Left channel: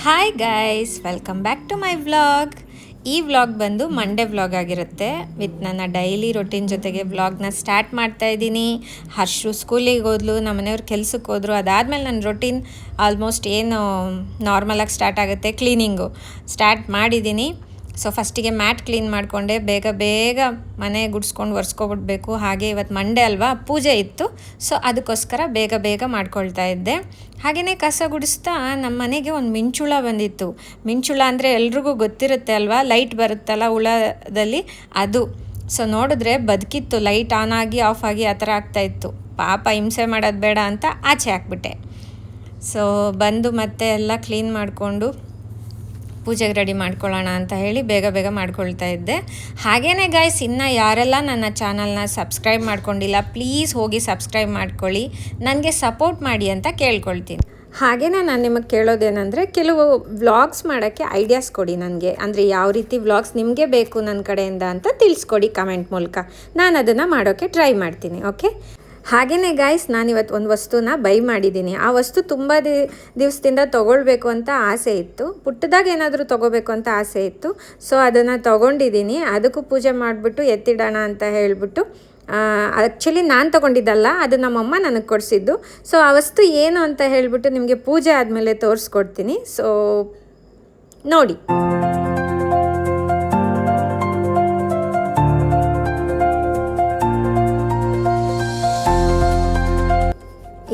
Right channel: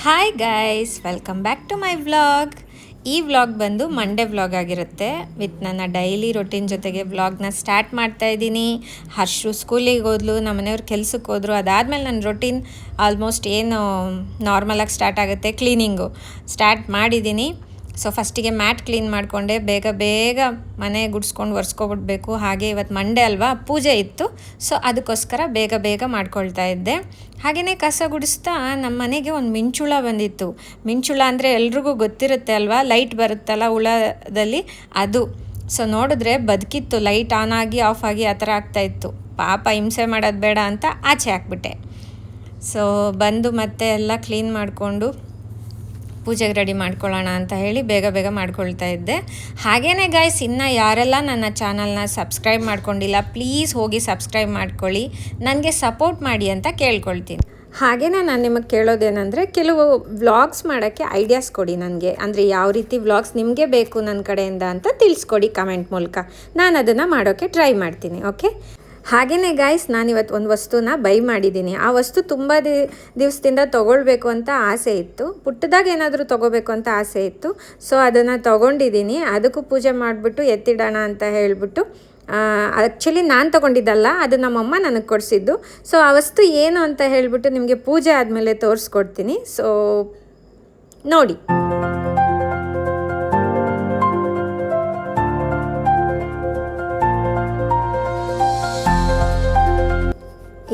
Hi guys, welcome back to my vlog. ಈ vlog ಬಂದು Monday vlog ಆಗಿರುತ್ತೆ. With ನನ್ನ ಡೈಲಿ ರೊಟೀನ್ ಜೊತೆಗೆ ವ್ಲಾಗ್ನ ಸ್ಟಾರ್ಟ್ ಮಾಡ್ತಾ ಇದ್ದೀನಿ. ಹರ್ಷು ಸ್ಕೂಲಿಗೆ ಹೋದ್ಲು, ನಮ್ಮ ಮನೆಯವ್ರು ಕೆಲ್ಸಕ್ಕೆ ಹೋದ್ರು. ಅದಾದಮೇಲೆ ನನ್ನ ರೊಟೀನ್ ಆಲ್ಮೋಸ್ಟ್ ಏನು ನಾರ್ಮಲಾಗಿ ಸ್ಟಾರ್ಟ್ ಆಗುತ್ತೆ, ಕ್ಲೀನಿಂಗು ಸ್ಟಾರ್ಟ್ ಮಾಡಿದ್ದೀನಿ. ಸೊ ಫಸ್ಟಿಗೆ ಮ್ಯಾಟ್ ಕ್ಲೀನ್ ಮಾಡಿಕೊಂಡೆ, ಬೇಗ ಮನೆ ಗುಡಿಸ್ಕೊಂಡು ಒರೆಸ್ಕೊಬಿಡ್ಬೇಕು. ಹಾಗೆ ಇವತ್ತು ಮಂಡೇ ಅಲ್ವಾ, ಪೂಜೆ ಇತ್ತು. ಸೊ ಅದಕ್ಕೋಸ್ಕರ ಬೇಗ ಮಾಡ್ಕೊಳ್ತಾ ಇದ್ದೆ. ಹಾಗೆಯೇ ಕಸ ಗುಡಿಸ್ತಾ ನಮ್ಮ ಮನೆಗೆ ಒಂದು ಮಿಂಚುಳ ಬಂದಿತ್ತು. ಮಿಂಚುಳ ಅಂದರೆ ಎಲ್ರಿಗೂ ಗೊತ್ತಿರುತ್ತೆ ಅಲ್ವಾ, ಲೈಟ್ ಬರುತ್ತಲ್ಲ ಹುಳದಲ್ಲಿ, ಅದು. ಸೊ ನೋಡಿದ್ರೆ ಬದುಕಿತ್ತು, ಲೈಟ್ ಆನ್ ಆಗಿ ಆಫ್ ಆಗಿ ಆ ಥರ ಆಗ್ತಾಯಿತ್ತು. ಪಾಪ ಹಿಂಸೆ ಮಾಡೋದು ಬೇಡ ಅಂತ ಆಚೆ ಹಾಕ್ಬಿಟ್ಟೆ. ಸೊ ಬಂದು ಮತ್ತೆ ಎಲ್ಲ ಕ್ಲೀನ್ ಮಾಡಿಕೊಂಡು ಪೂಜೆಗೆ ರೆಡಿ ಮಾಡ್ಕೊಳ್ಳೋಣ ಅಂತ ಹೇಳಿ ಬೇಗ ಮಾಡ್ಕೊಳ್ತಾ ಇದ್ದೆ. ಹಾಗೆಯೇ ಗೈಸ್, ಇನ್ನು ಯಾರೆಲ್ಲ ನನ್ನ ಚಾನಲ್ನ ಸಬ್ಸ್ಕ್ರೈಬ್ ಮಾಡ್ಕೊಂಡಿಲ್ಲ, ಪ್ಲೀಸ್ ಹೋಗಿ ಸಬ್ಸ್ಕ್ರೈಬ್ ಮಾಡ್ಕೊಳ್ಳಿ, ನನಗೆ ಸಪೋರ್ಟ್ ಮಾಡಿ ಅಂತ ಕೇಳ್ಕೊಳ್ತೀನಿ. ಹಾಗೆಯೇ ನಾನು ನಿಮಗೆ ಕೇಳೋದೇನೆಂದರೆ, ಕೆಲವು ವ್ಲಾಗ್ಸ್ ಮಾಡೋಕ್ಕೆ ಐಡಿಯಾಸ್ ಕೊಡಿ ನನಗೆ. ಅಂದರೆ ಯಾವ ರೀತಿ ವ್ಲಾಗ್ಸ್ ನಿಮಗೆ ಬೇಕು ನನ್ನ ಕಡೆಯಿಂದ ಅಂತ ತಿಳಿಸ್ಕೊಡಿ ಕಮೆಂಟ್ ಮೂಲಕ. ನಾನು ಅದನ್ನು ಮಾಡೋಕ್ಕೆ ಟ್ರೈ ಮಾಡ್ತೀನಿ. ಓಕೆ. ಹಾಗೆಯೇ ಗಾಯ್ಸ್, ನಾನಿವತ್ತು ಒಂದು ವಸ್ತುನ ಬೈ ಮಾಡಿದ್ದೀನಿ. ಆ ವಸ್ತು ತುಂಬ ದಿವಸದಿಂದ ತೊಗೊಳ್ಬೇಕು ಅಂತ ಆಸೆ ಇತ್ತು. ಪುಟ್ಟದಾಗ ಏನಾದರೂ ತೊಗೋಬೇಕು ಅಂತ ಆಸೆ ಇತ್ತು. ಸೊ ಅದನ್ನು ತೊಗೊಂಡಿದ್ದೀನಿ. ಅದಕ್ಕೂ ಪೂಜೆ ಮಾಡಿಬಿಟ್ಟು ಎತ್ತಿಡೋಣ ಅಂತ ಹೇಳಿಬಿಟ್ಟು, ಆ್ಯಕ್ಚುಲಿ ನಾನು ತೊಗೊಂಡಿದ್ದಲ್ಲ, ಅದು ನಮ್ಮಮ್ಮ ನನಗೆ ಕೊಡಿಸಿದ್ದು. ಸೊ ಆ ವಸ್ತು ಏನು ಅಂತ ಹೇಳಿಬಿಟ್ಟು ನಿಮಗೆ ಪೂಜೆ ಆದಮೇಲೆ ತೋರಿಸ್ಕೊಡ್ತೀನಿ. ಸೊ ನೋಡಿ.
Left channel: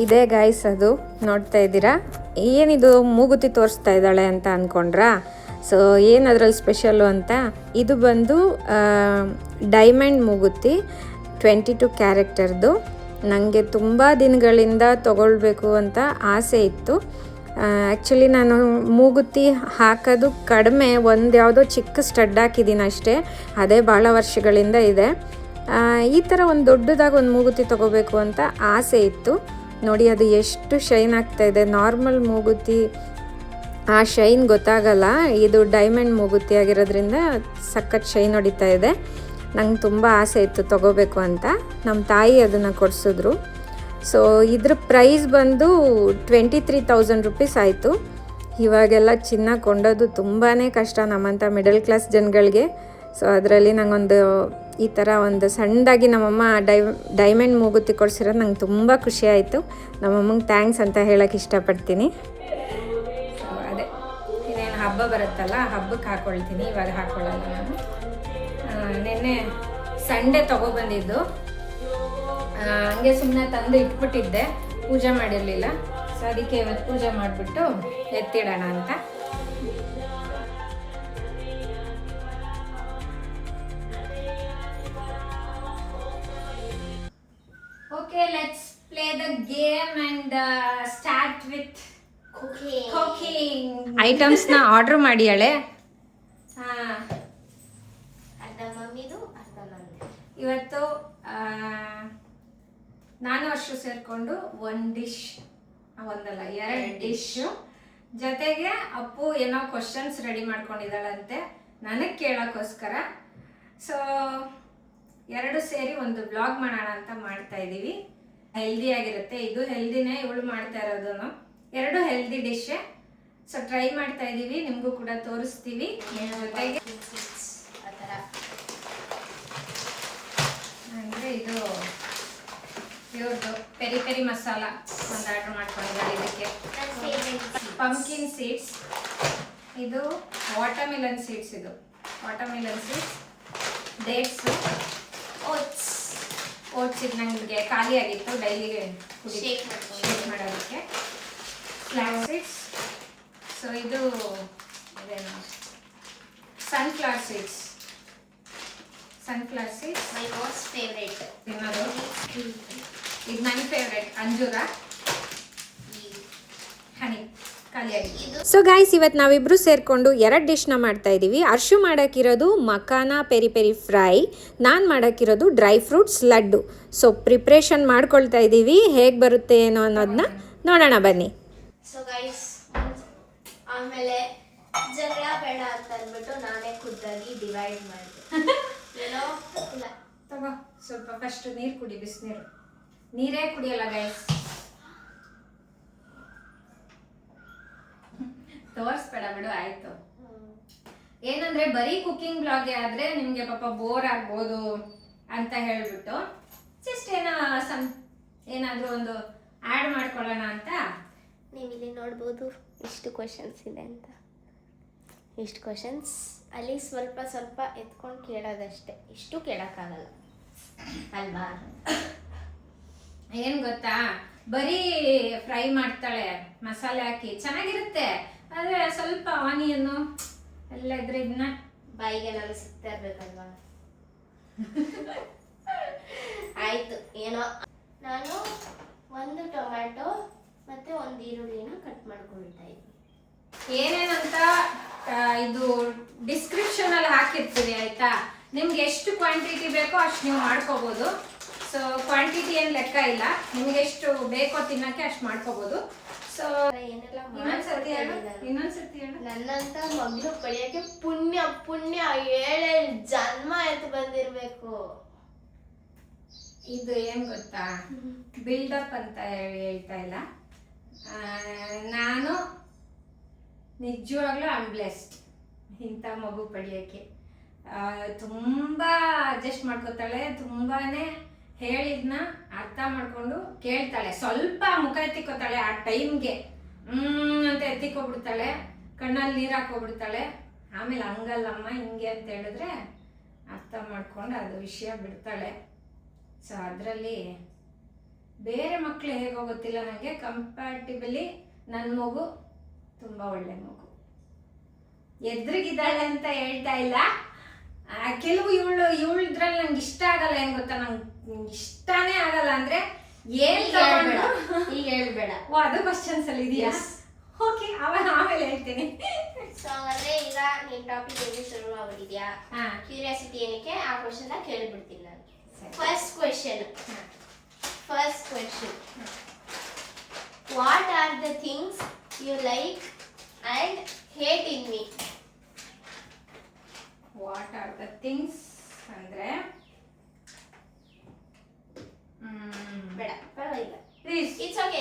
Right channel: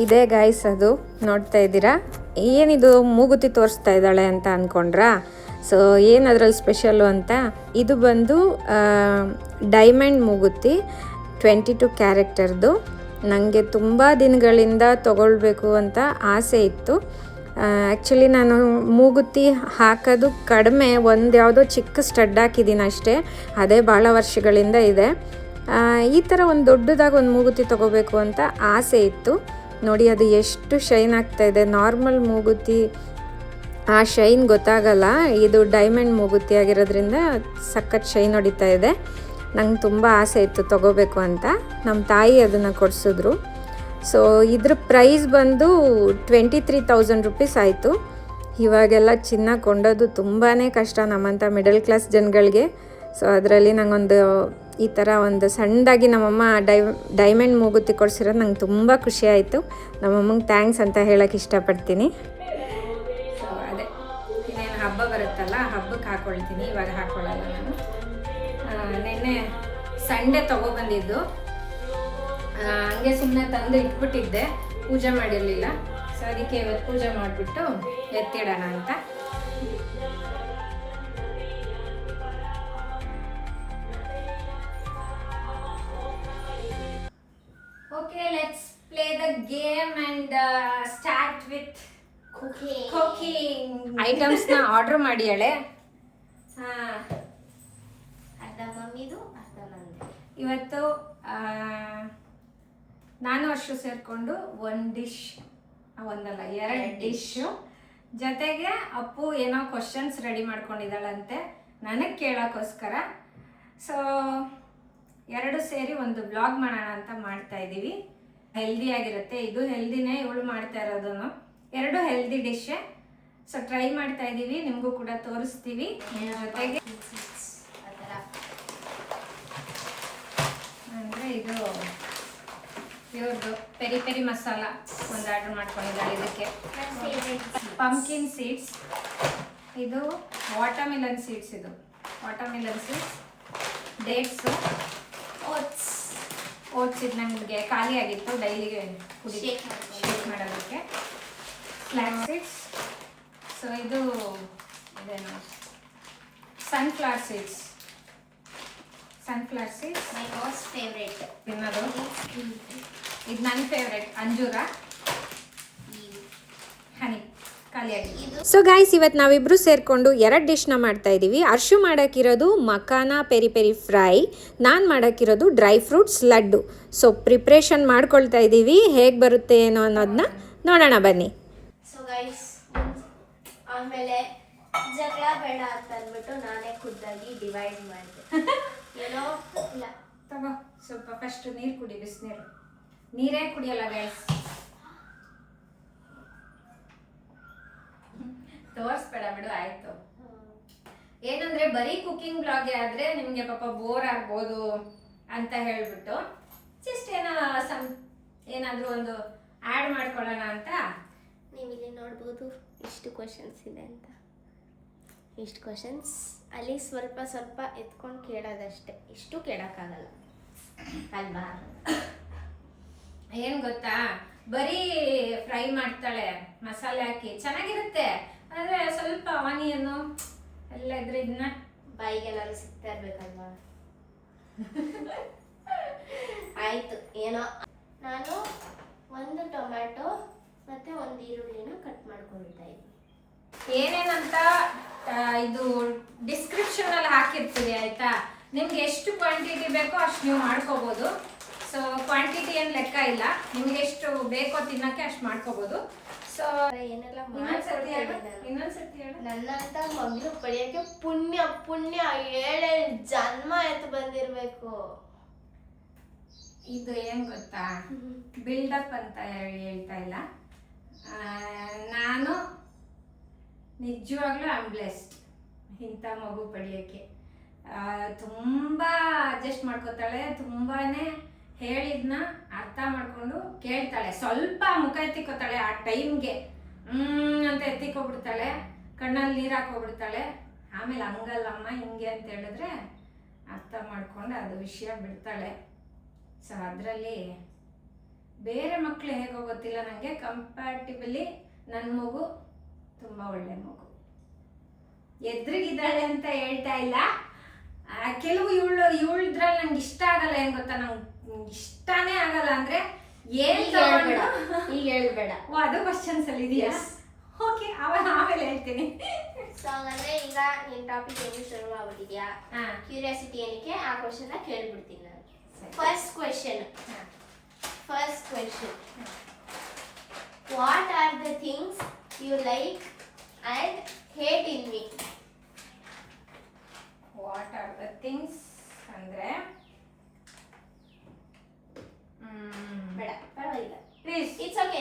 ಇದೇ ಗಾಯ್ಸ್, ಅದು ನೋಡ್ತಾ ಇದ್ದೀರಾ. ಏನಿದು ಮೂಗುತಿ ತೋರಿಸ್ತಾ ಇದ್ದಾಳೆ ಅಂತ ಅಂದ್ಕೊಂಡ್ರಾ? ಸೊ ಏನು ಅದರಲ್ಲಿ ಸ್ಪೆಷಲ್ಲು ಅಂತ, ಇದು ಬಂದು ಡೈಮಂಡ್ ಮೂಗುತಿ, 22 ಕ್ಯಾರೆಕ್ಟರ್ದು. ನನಗೆ ತುಂಬ ದಿನಗಳಿಂದ ತೊಗೊಳ್ಬೇಕು ಅಂತ ಆಸೆ ಇತ್ತು. ಆ್ಯಕ್ಚುಲಿ ನಾನು ಮೂಗುತಿ ಹಾಕೋದು ಕಡಿಮೆ, ಒಂದು ಯಾವುದೋ ಚಿಕ್ಕ ಸ್ಟಡ್ ಹಾಕಿದ್ದೀನಿ ಅಷ್ಟೇ. ಅದೇ ಭಾಳ ವರ್ಷಗಳಿಂದ ಇದೆ. ಈ ಥರ ಒಂದು ದೊಡ್ಡದಾಗಿ ಒಂದು ಮೂಗುತಿ ತೊಗೋಬೇಕು ಅಂತ ಆಸೆ ಇತ್ತು. ನೋಡಿ, ಅದು ಎಷ್ಟು ಶೈನ್ ಆಗ್ತಾಯಿದೆ. ನಾರ್ಮಲ್ ಮೂಗುತಿ ಆ ಶೈನ್ ಗೊತ್ತಾಗಲ್ಲ, ಇದು ಡೈಮಂಡ್ ಮೂಗುತಿ ಆಗಿರೋದ್ರಿಂದ ಸಖತ್ ಶೈನ್ ಹೊಡಿತಾ ಇದೆ. ನಂಗೆ ತುಂಬ ಆಸೆ ಇತ್ತು ತೊಗೋಬೇಕು ಅಂತ. ನಮ್ಮ ತಾಯಿ ಅದನ್ನು ಕೊಡಿಸಿದ್ರು. ಸೊ ಇದ್ರ ಪ್ರೈಸ್ ಬಂದು 23,000 ರುಪೀಸ್ ಆಯಿತು. ಇವಾಗೆಲ್ಲ ಚಿನ್ನ ಕೊಂಡೋದು ತುಂಬಾ ಕಷ್ಟ ನಮ್ಮಂಥ ಮಿಡಲ್ ಕ್ಲಾಸ್ ಜನಗಳಿಗೆ. ಸೊ ಅದರಲ್ಲಿ ನಂಗೊಂದು ಈ ಥರ ಒಂದು ಸಣ್ಣದಾಗಿ ನಮ್ಮಮ್ಮ ಡೈಮಂಡ್ ಮೂಗುತಿ ಕೊಡಿಸಿರೋದು ನಂಗೆ ತುಂಬ ಖುಷಿ ಆಯಿತು. ನಮ್ಮಮ್ಮಂಗೆ ಥ್ಯಾಂಕ್ಸ್ ಅಂತ ಹೇಳೋಕ್ಕೆ ಇಷ್ಟಪಡ್ತೀನಿ. ಸೊ ಅದೇ, ಇನ್ನೇನು ಹಬ್ಬ ಬರುತ್ತಲ್ಲ, ಹಬ್ಬಕ್ಕೆ ಹಾಕ್ಕೊಳ್ತೀನಿ, ಇವಾಗ ಹಾಕ್ಕೊಳ್ಳಲ್ಲ ನಾನು. ನೆನ್ನೆ ಸಂಡೇ ತೊಗೊಬಂದಿದ್ದು, ಹಂಗೆ ಸುಮ್ಮನೆ ತಂದು ಇಟ್ಬಿಟ್ಟಿದ್ದೆ, ಪೂಜೆ ಮಾಡಿರಲಿಲ್ಲ. ಸೊ ಅದಕ್ಕೆ ಇವತ್ತು ಪೂಜೆ ಮಾಡಿಬಿಟ್ಟು ಎತ್ತಿಡೋಣ ಅಂತ. Okay, let's play the game and start with cooking. Items na order ಮಾಡಿಯಾಳೆ. ಅರ್ಧ ಮಮ್ಮಿದು, ಅರ್ಧ ನಂದು. ಇವತ್ತು ನಾನು ಅಷ್ಟು ಸೇರಿಕೊಂಡು ಒಂದು ಡಿಶ್, ಒಂದಲ್ಲ 2 ಡಿಶ್ಶು, ಜೊತೆಗೆ ಅಪ್ಪು ಏನೋ ಕ್ವಶನ್ಸ್ ರೆಡಿ ಮಾಡ್ಕೊಂಡಿದ್ದಾಳಂತೆ ನನಗೆ ಕೇಳೋಕ್ಕೋಸ್ಕರ. ಸೊ 2 ಸೇರಿ ಒಂದು ವ್ಲಾಗ್ ಮಾಡೋಣ ಅಂತ ಮಾಡ್ತಾ ಇದ್ದೀವಿ. ಹೆಲ್ದಿಯಾಗಿರುತ್ತೆ, ಇದು ಹೆಲ್ದಿನೇ, ಇವಳು ಮಾಡ್ತಾ ಇರೋದು. 2 ಹೆಲ್ದಿ ಡಿಶ್ಶೇ. ಸೊ ಟ್ರೈ ಮಾಡ್ತಾ ಇದ್ದೀವಿ, ನಿಮಗೂ ಕೂಡ ತೋರಿಸ್ತೀವಿ. ಜೊತೆಗೆ ಆ ಥರ ಅಂದರೆ ಇದು ಇವ್ರದ್ದು ಪೆರಿ ಮಸಾಲ ಒಂದು ಆರ್ಡ್ರ್ ಮಾಡ್ಕೊಂಡಿದ್ದಾರೆ. ಇದಕ್ಕೆ ಪಂಪ್ಕಿನ್ ಸೀಡ್ಸ್, ಇದು ವಾಟರ್ಮಿಲನ್ ಸೀಡ್ಸ್, ಇದು ವಾಟರ್ಮಿಲನ್ ಸೀಡ್ಸ್, ಡೇಟ್ಸು, ಓಟ್ಸ್ ಇದು ನನಗೆ ಖಾಲಿ ಆಗಿತ್ತು ಡೈಲಿಗೆ ಶೇಕ್ ಮಾಡೋದಕ್ಕೆ. Flax seeds. ಸೊ ಇದು ಇದೇನು ಸನ್ಫ್ಲವರ್ ಸೀಡ್ಸ್ ಮೈ ಮೋಸ್ಟ್ ಫೇವ್ರೇಟ್ ತಿನ್ನೋದು. ಇದು ನನ್ನ ಫೇವ್ರೇಟ್, ಅಂಜೂರ, ಹನಿ ಖಾಲಿಯಾಗಿದೆ. ಸೊ ಗೈಸ್, ಇವತ್ತು ನಾವಿಬ್ಬರು ಸೇರಿಕೊಂಡು 2 ಡಿಶ್ನ ಮಾಡ್ತಾ ಇದ್ದೀವಿ. ಅರ್ಶು ಮಾಡೋಕ್ಕಿರೋದು ಮಖಾನ ಪೆರಿ ಫ್ರೈ, ನಾನು ಮಾಡೋಕ್ಕಿರೋದು dry fruits laddu. So preparation ಮಾಡ್ಕೊಳ್ತಾ ಇದ್ದೀವಿ, ಹೇಗೆ ಬರುತ್ತೆ ಏನೋ ಅನ್ನೋದನ್ನ ನೋಡೋಣ ಬನ್ನಿ. ಸೊ ಗೈಸ್, ಆಮೇಲೆ ಜಗಳ ಬೇಡ ಅಂತ ಅಂದ್ಬಿಟ್ಟು ನಾನೇ ಖುದ್ದಾಗಿ ಡಿವೈಡ್ ಮಾಡಿದೆ. ಏನೋ ಇಲ್ಲ, ತಗೋ ಸ್ವಲ್ಪ ಫಸ್ಟ್ ನೀರು ಕುಡಿ, ಬಿಸಿನೀರು. ನೀರೇ ಕುಡಿಯಲ್ಲ ಗೈಸ್, ತೋರಿಸ್ಬೇಡ ಬಿಡು, ಆಯ್ತು. ಏನಂದ್ರೆ ಬರೀ ಕುಕಿಂಗ್ ಬ್ಲಾಗೆ ಆದ್ರೆ ನಿಮ್ಗೆ ಪಾಪ ಬೋರ್ ಆಗ್ಬೋದು ಅಂತ ಹೇಳ್ಬಿಟ್ಟು ಜಸ್ಟ್ ಏನಾದ್ರೂ ಒಂದು ಆಡ್ ಮಾಡ್ಕೊಳ್ಳೋಣ ಅಂತ. ನೀವು ಇಲ್ಲಿ ನೋಡ್ಬೋದು ಇಷ್ಟು ಕ್ವಶನ್ಸ್ ಇದೆ ಅಂತ. ಇಷ್ಟು ಕ್ವಶನ್ಸ್ ಅಲ್ಲಿ ಸ್ವಲ್ಪ ಸ್ವಲ್ಪ ಎತ್ಕೊಂಡು ಕೇಳೋದಷ್ಟೇ, ಇಷ್ಟು ಕೇಳೋಕ್ಕಾಗಲ್ಲ ಅಲ್ವಾ? ಏನ್ ಗೊತ್ತಾ, ಬರೀ ಫ್ರೈ ಮಾಡ್ತಾಳೆ ಮಸಾಲೆ ಹಾಕಿ, ಚೆನ್ನಾಗಿರುತ್ತೆ. ಆದ್ರೆ ಸ್ವಲ್ಪ ಆನಿಯನ್ನು ಎಲ್ಲ ಇದ್ರೆ ಇದನ್ನ ಬಾಯಿಗೆಲ್ಲ ಸಿಗ್ತಾ ಇರ್ಬೇಕಲ್ವಾ? ಆಯ್ತು, ಏನೋ. ನಾನು ಒಂದು ಟೊಮ್ಯಾಟೊ ಮತ್ತೆ ಒಂದು ಈರುಳ್ಳಿನ ಕಟ್ ಮಾಡ್ಕೊಳ್ತಾ ಇದ್ದೀನಿ. ಏನೇನಂತ ಇದು ಡಿಸ್ಕ್ರಿಪ್ಷನ್ ಅಲ್ಲಿ ಹಾಕಿರ್ತೀವಿ, ಆಯ್ತಾ? ನಿಮ್ಗೆ ಎಷ್ಟು ಕ್ವಾಂಟಿಟಿ ಬೇಕೋ ಅಷ್ಟು ನೀವು ಮಾಡ್ಕೋಬಹುದು. ಸೊ ಕ್ವಾಂಟಿಟಿ ಏನ್ ಲೆಕ್ಕ ಇಲ್ಲ, ನಿಮ್ಗೆ ಎಷ್ಟು ಬೇಕೋ ತಿನ್ನಕ್ಕೆ ಅಷ್ಟು ಮಾಡ್ಕೋಬಹುದು. ಸೊ ಏನೆಲ್ಲ ಇನ್ನೊಂದ್ಸತಿ ನನ್ನಂತ ಮಗಳು ಪಡೆಯಕ್ಕೆ ಪುಣ್ಯ ಪುಣ್ಯ 7 ಜನ್ಮ ಎತ್ತು ಬಂದಿರ್ಬೇಕು. ಇದು ಏನ್ ಗೊತ್ತಾ, ಬಿಲ್ಡಪ್ ಅಂತ ಹೇಳ್ತಾ ಇಲ್ಲ, ನಾನು ನಿಜವಾಗ್ಲೂ ಐ ಆಮ್ ಬ್ಲೆಸ್ಡ್ ಇಂಥ ಮಗು ಪಡೆಯೋಕ್ಕೆ. ತುಂಬಾ ಅಡ್ಜಸ್ಟ್ ಮಾಡ್ಕೋತಾಳೆ, ತುಂಬಾನೇ ಹೇಳಿದ್ನ ಅರ್ಥ ಮಾಡ್ಕೊಂಡು ಕೇಳ್ತಾಳೆ. ಸ್ವಲ್ಪ ಮುಖ ಎತ್ತಿಕೋತಾಳೆ ಆ ಟೈಮ್ಗೆ, ಅಂತ ಎತ್ತಿಕೊಬಿಡ್ತಾಳೆ, ಕಣ್ಣಲ್ಲಿ ನೀರು ಹಾಕೋಬಿಡ್ತಾಳೆ. ಆಮೇಲೆ ಹಂಗಲ್ಲಮ್ಮ ಹಿಂಗೆ ಅಂತ ಹೇಳಿದ್ರೆ ಅರ್ಥ ಮಾಡ್ಕೊಂಡು ಅದು ವಿಷಯ ಬಿಡ್ತಾಳೆ. ಸೊ ಅದರಲ್ಲಿ ಬೇರೆ ಮಕ್ಕಳು ಹೇಗೋ ಗೊತ್ತಿಲ್ಲ, ನನಗೆ ಕಂಪ್ಯಾಟಿಬಲಿ ನನ್ನ ಮಗು ತುಂಬ ಒಳ್ಳೆ ಮಗು. ಎದ್ರಿಗಿದ್ದಾಳೆ ಅಂತ ಹೇಳ್ತಾ ಇಲ್ಲ, ಕೆಲವು ಇವಳದ್ರಲ್ಲಿ ನಂಗೆ ಇಷ್ಟ ಆಗಲ್ಲ. ಏನ್ ಗೊತ್ತಾ, ನಂಗೆ ಇಷ್ಟನೇ ಆಗಲ್ಲ ಅಂದ್ರೆ ಏನ್ ತಗೊಂಡು ಈಗ ಹೇಳ್ಬೇಡ. ಓ, ಅದು ಕ್ವಶನ್ಸ್ ಅಲ್ಲಿ ಇದೆಯಾ? ಓಕೆ, ಆಮೇಲೆ ಹೇಳ್ತೀನಿ. ಸೊ ಹಂಗಂದ್ರೆ ಈಗ ನಿನ್ ಟಾಪಿಕ್ ಏನು ಶುರು ಆಗ್ಬಿಟ್ಟಿದ್ಯಾ? ಕ್ಯೂರಿಯಾಸಿಟಿ ಏನಕ್ಕೆ ಆ ಕ್ವಶನ್ ಕೇಳ್ಬಿಡ್ತೀನಿ ನಾನು. First question what are the things you like and hate in me? What are the things ಅಂದ್ರೆ ಬೇಡ, ಪರವಾಗಿಲ್ಲ, ಪ್ಲೀಸ್. It's okay.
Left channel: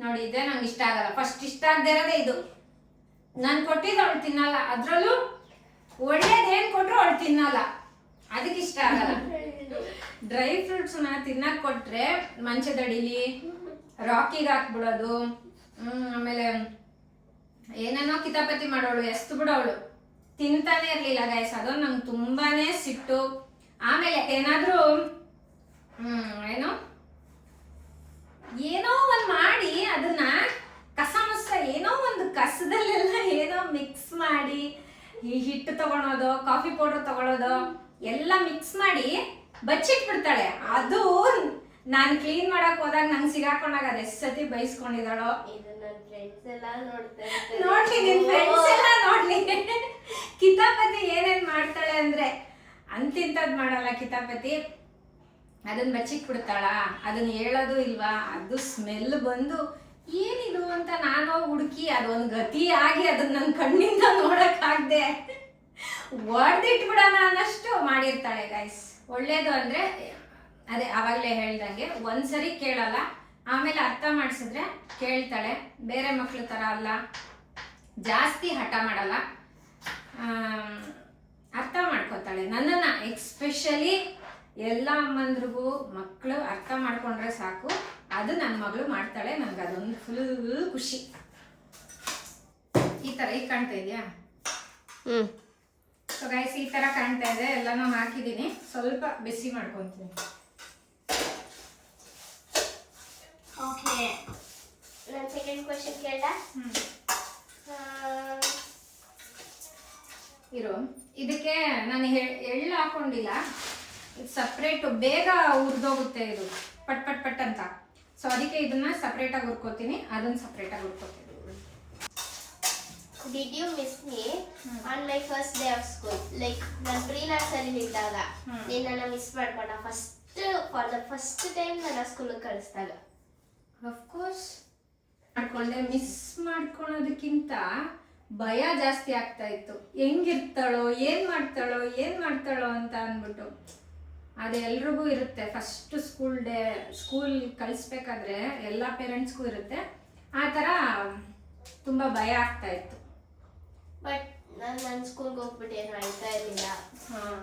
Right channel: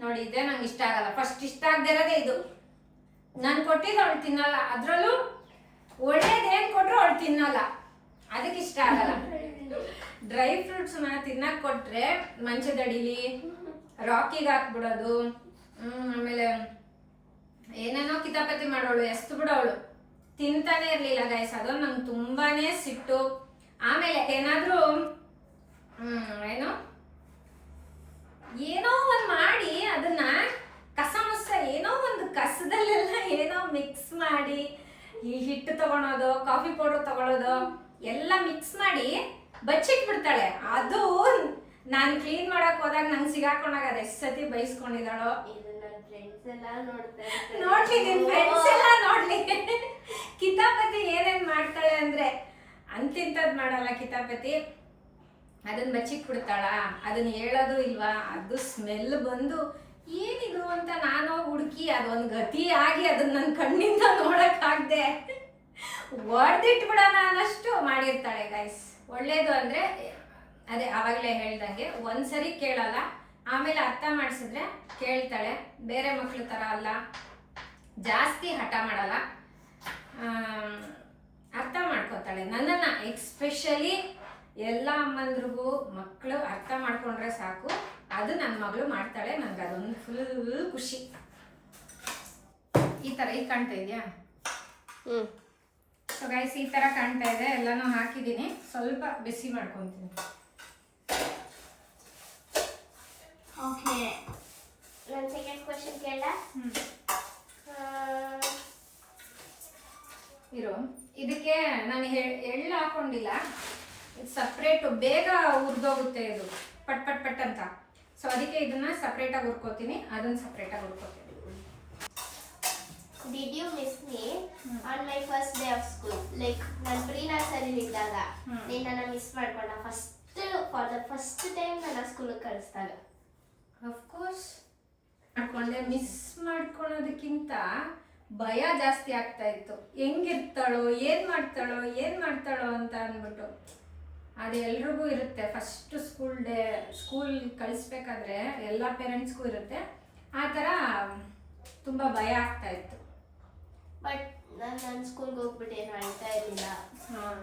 ನೋಡಿ, ಇದೇ ನಂಗೆ ಇಷ್ಟ ಆಗಲ್ಲ. ಫಸ್ಟ್ ಇಷ್ಟ ಆಗದೆ ಇರೋದೇ ಇದು. ನಾನು ಕೊಟ್ಟಿದ್ದು ಅವಳು ತಿನ್ನಲ್ಲ, ಅದ್ರಲ್ಲೂ ಒಳ್ಳೇದು ಏನ್ ಕೊಟ್ರು ಅವಳು ತಿನ್ನಲ್ಲ, ಅದಕ್ಕೆ ಇಷ್ಟ ಆಗಲ್ಲ. ಡ್ರೈ ಫ್ರೂಟ್ಸ್ ನ ತಿನ್ನಕ್ ಕೊಟ್ರೆ ಮಂಚದಡಿಲಿ ರಾಕಿಗೆ ಹಾಕ್ಬಿಡೋದು, ಆಮೇಲೆ ಏನೇನೋ ಕಿತಾಪತಿ ಮಾಡೋಳು, ಎಸ್ತು ಬಿಡೋಳು, ತಿಂತಾನೆ ಇರ್ಲಿಲ್ಲ ಗೈಸ್. ಅದೊಂದು ನಂಗೆ ತುಂಬಾನೇ ಸಿಟ್ಟು. ಆಮೇಲೆ ಏನಾದ್ರೂ ಏನೋ ಒಂದ್ ಮಾಡಿ ಅದನ್ನ ಕಸಮುಸ ಏನೋ ಒಂದು ಕಸದಲ್ಲೆಲ್ಲ ಏನೋ ಮಿಕ್ಸ್ ಮಾಡಿ, ಈ ಹಿಟ್ಟು ತಗೊಳೋದು, ಕಾಫಿ ಪೌಡರ್ ತಗೊಳೋದು ಎಲ್ಲ ಮಿಕ್ಸ್ ಮಾಡಿ ಬಚ್ಚಿಟ್ಬಿಡ್ತಾಳೆ. ಅದು ನಾನು ಕ್ಲೀನ್ ಮಾಡಕ್ ಹೋದಾಗ ನಂಗೆ ಸಿಗಾಕೊಂಡಾಗ ಅದು ಎಷ್ಟು ಸತಿ ಬೈಸ್ಕೊಂಡಿದ್ದಾಳೋ. ನೋಡ್ಲಿ, ನಿನ್ ಫ್ರೆಂಡ್ಸ್ ಎಲ್ಲ ನೋಡ್ಲಿ ಕಿತಾಪತಿ ಏನೇನ್ ಮಾಡ್ತಾಳೆ ಅಂದ್ರೆ ಅಂತಿಂತದ್ ಮಾಡಲ್ಲ ಕಿತಾಪತಿ. ಅದನ್ನ ಬಚ್ಚಿಕ್ ಬಿಡ್ತಾಳ, ಅದನ್ನ ಹೇಳೋದು ಇಲ್ವಾ, ಅದು ಸ್ಮೆಲ್ ಬಂದು ಏನಿದು ಅಂತ ನಾನು ಹುಡುಕಿ ಅದೊಂದು ಗತಿ ಆಗಿ ಅದನ್ನ ನನ್ನ ಕಣ್ಣಿಂದ ನೋಡಕ್ ಆಗದೆ ಹೊಡೆದಿಟ್ಬಿಡೋಣ ಅನ್ನಷ್ಟು ಮಾಡಿರ್ತಾಳೆ ಗೈಸ್. ಒಳ್ಳೇದು ಅಂದ್ರೆ ಅದೇ ಆವಾಗಲೇ ಹೇಳ್ದಂಗೆ ಒಂದ್ಸರಿ ಕೇಳಲ್ಲ, ಆಮೇಲೆ ಅರ್ಥ ಮಾಡಿಸಿದ್ರೆ ಕೇಳ್ತಾಳೆ. ಬೇರೆ ಮಕ್ಳ ತರ ಅಲ್ಲ, ಜಾಸ್ತಿ ಹಠ ಮಾಡಲ್ಲ, ಅರ್ಥ ಮಾಡ್ಕೋತಾಳೆ ನನ್ನನ್ನ. ಎಕ್ಸ್ಪೆಷಲಿ ಎಲ್ಲ ಅಮ್ಮಂದ್ರಿಗೂ ಮಕ್ಕಳು ಅರ್ಥ ಮಾಡ್ಕೊಂಡ್ರೆ ಸಾಕು, ಅದು ನನ್ನ ಮಗಳು ಮಾಡ್ತಾಳೆ. ನನ್ಗೆ ಅದೊಂದು ಫುಲ್ ಖುಷಿ. ಈ ತರ ಈಗ ಕಾಣ್ತಾ ಇದೆಯಾ? ಸೊ ಗೈಸ್, ಈ ತರ ಕಾಣ್ತಾ ಇದೆ. ಎಲ್ಲಾನು ಹಾಕಿದ್ದೀನಿ, ಸ್ವಲ್ಪ ಬಿಸಿ ಮಾಡ್ಕೊಂತೀನಿ. ಓಕೆ, ನನ್ನ ಸೆಕೆಂಡ್ ಕ್ವೆಶ್ಚನ್ ಕೇಳ. ಇರು, ಇದಕ್ಕೆ ನಾನು ಎಳ್ಳು ಹಾಕೊಂಡಿಲ್ಲ, ಇದು ಸಪ್ರೇಟ್, ಬೇಗ ಹುರಿದೋಗುತ್ತೆ ಇದು, ಪಟ್ ಪಟ್ ಪಟ್ ಅಂತ. ಸೊ ಅದಕ್ಕೆ ಇದನ್ನ ಸಪ್ರೇಟಾಗಿ ಹುರ್ಕೋತೀನಿ, ಅದನ್ನ ಸಪ್ರೇಟಾಗಿ ಹುರ್ಕೋತೀನಿ. Did you miss me on my first day of school? Like ನಾನು ಪ್ರೀ ನರ್ಸರಿ ಇದ್ದಾಗ ನಿನ್ನನ್ನು ಮಿಸ್ ಮಾಡ್ಕೊಂಡ ಫಾರ್ ದ ಫಸ್ಟ್ ಟೈಮ್ ನನ್ನ ಸ್ಕೂಲಿಗೆ ಕಳಿಸ್ದಾಗ. ಅಫ್ಕೋರ್ಸ್ ಮಾಡ್ಕೊಂಡೆ. ಮಿಸ್ ಮಾಡ್ಕೊಳೋದಕ್ಕಿಂತ ಭಯ ಜಾಸ್ತಿ ಆಗ್ತಾ ಇತ್ತು. ಹೆಂಗಿರ್ತಾಳೋ, ಏನ್ ಮಾಡ್ತಾಳೋ ಅಂತ ಅಂದ್ಬಿಟ್ಟು. ಅದು ಎಲ್ರಿಗೂ ಇರುತ್ತೆ, ಫಸ್ಟ್ ಸ್ಕೂಲ್ ಕಳಿಸ್ಬೇಕಾದ್ರೆ ಎಲ್ಲ ಪೇರೆಂಟ್ಸ್ಗೂ ಇರುತ್ತೆ. ಆ ಥರ ತುಂಬ ಭಯ ಆಗ್ತಾ ಇತ್ತು. ಬಟ್ ನನ್ನ ಸ್ಕೂಲ್ಗೆ ಹೋಗ್ಬಿಟ್ಟು ಏನು ಅಳ್ತಾ ಇರಲಿಲ್ಲ. ಹಾಂ,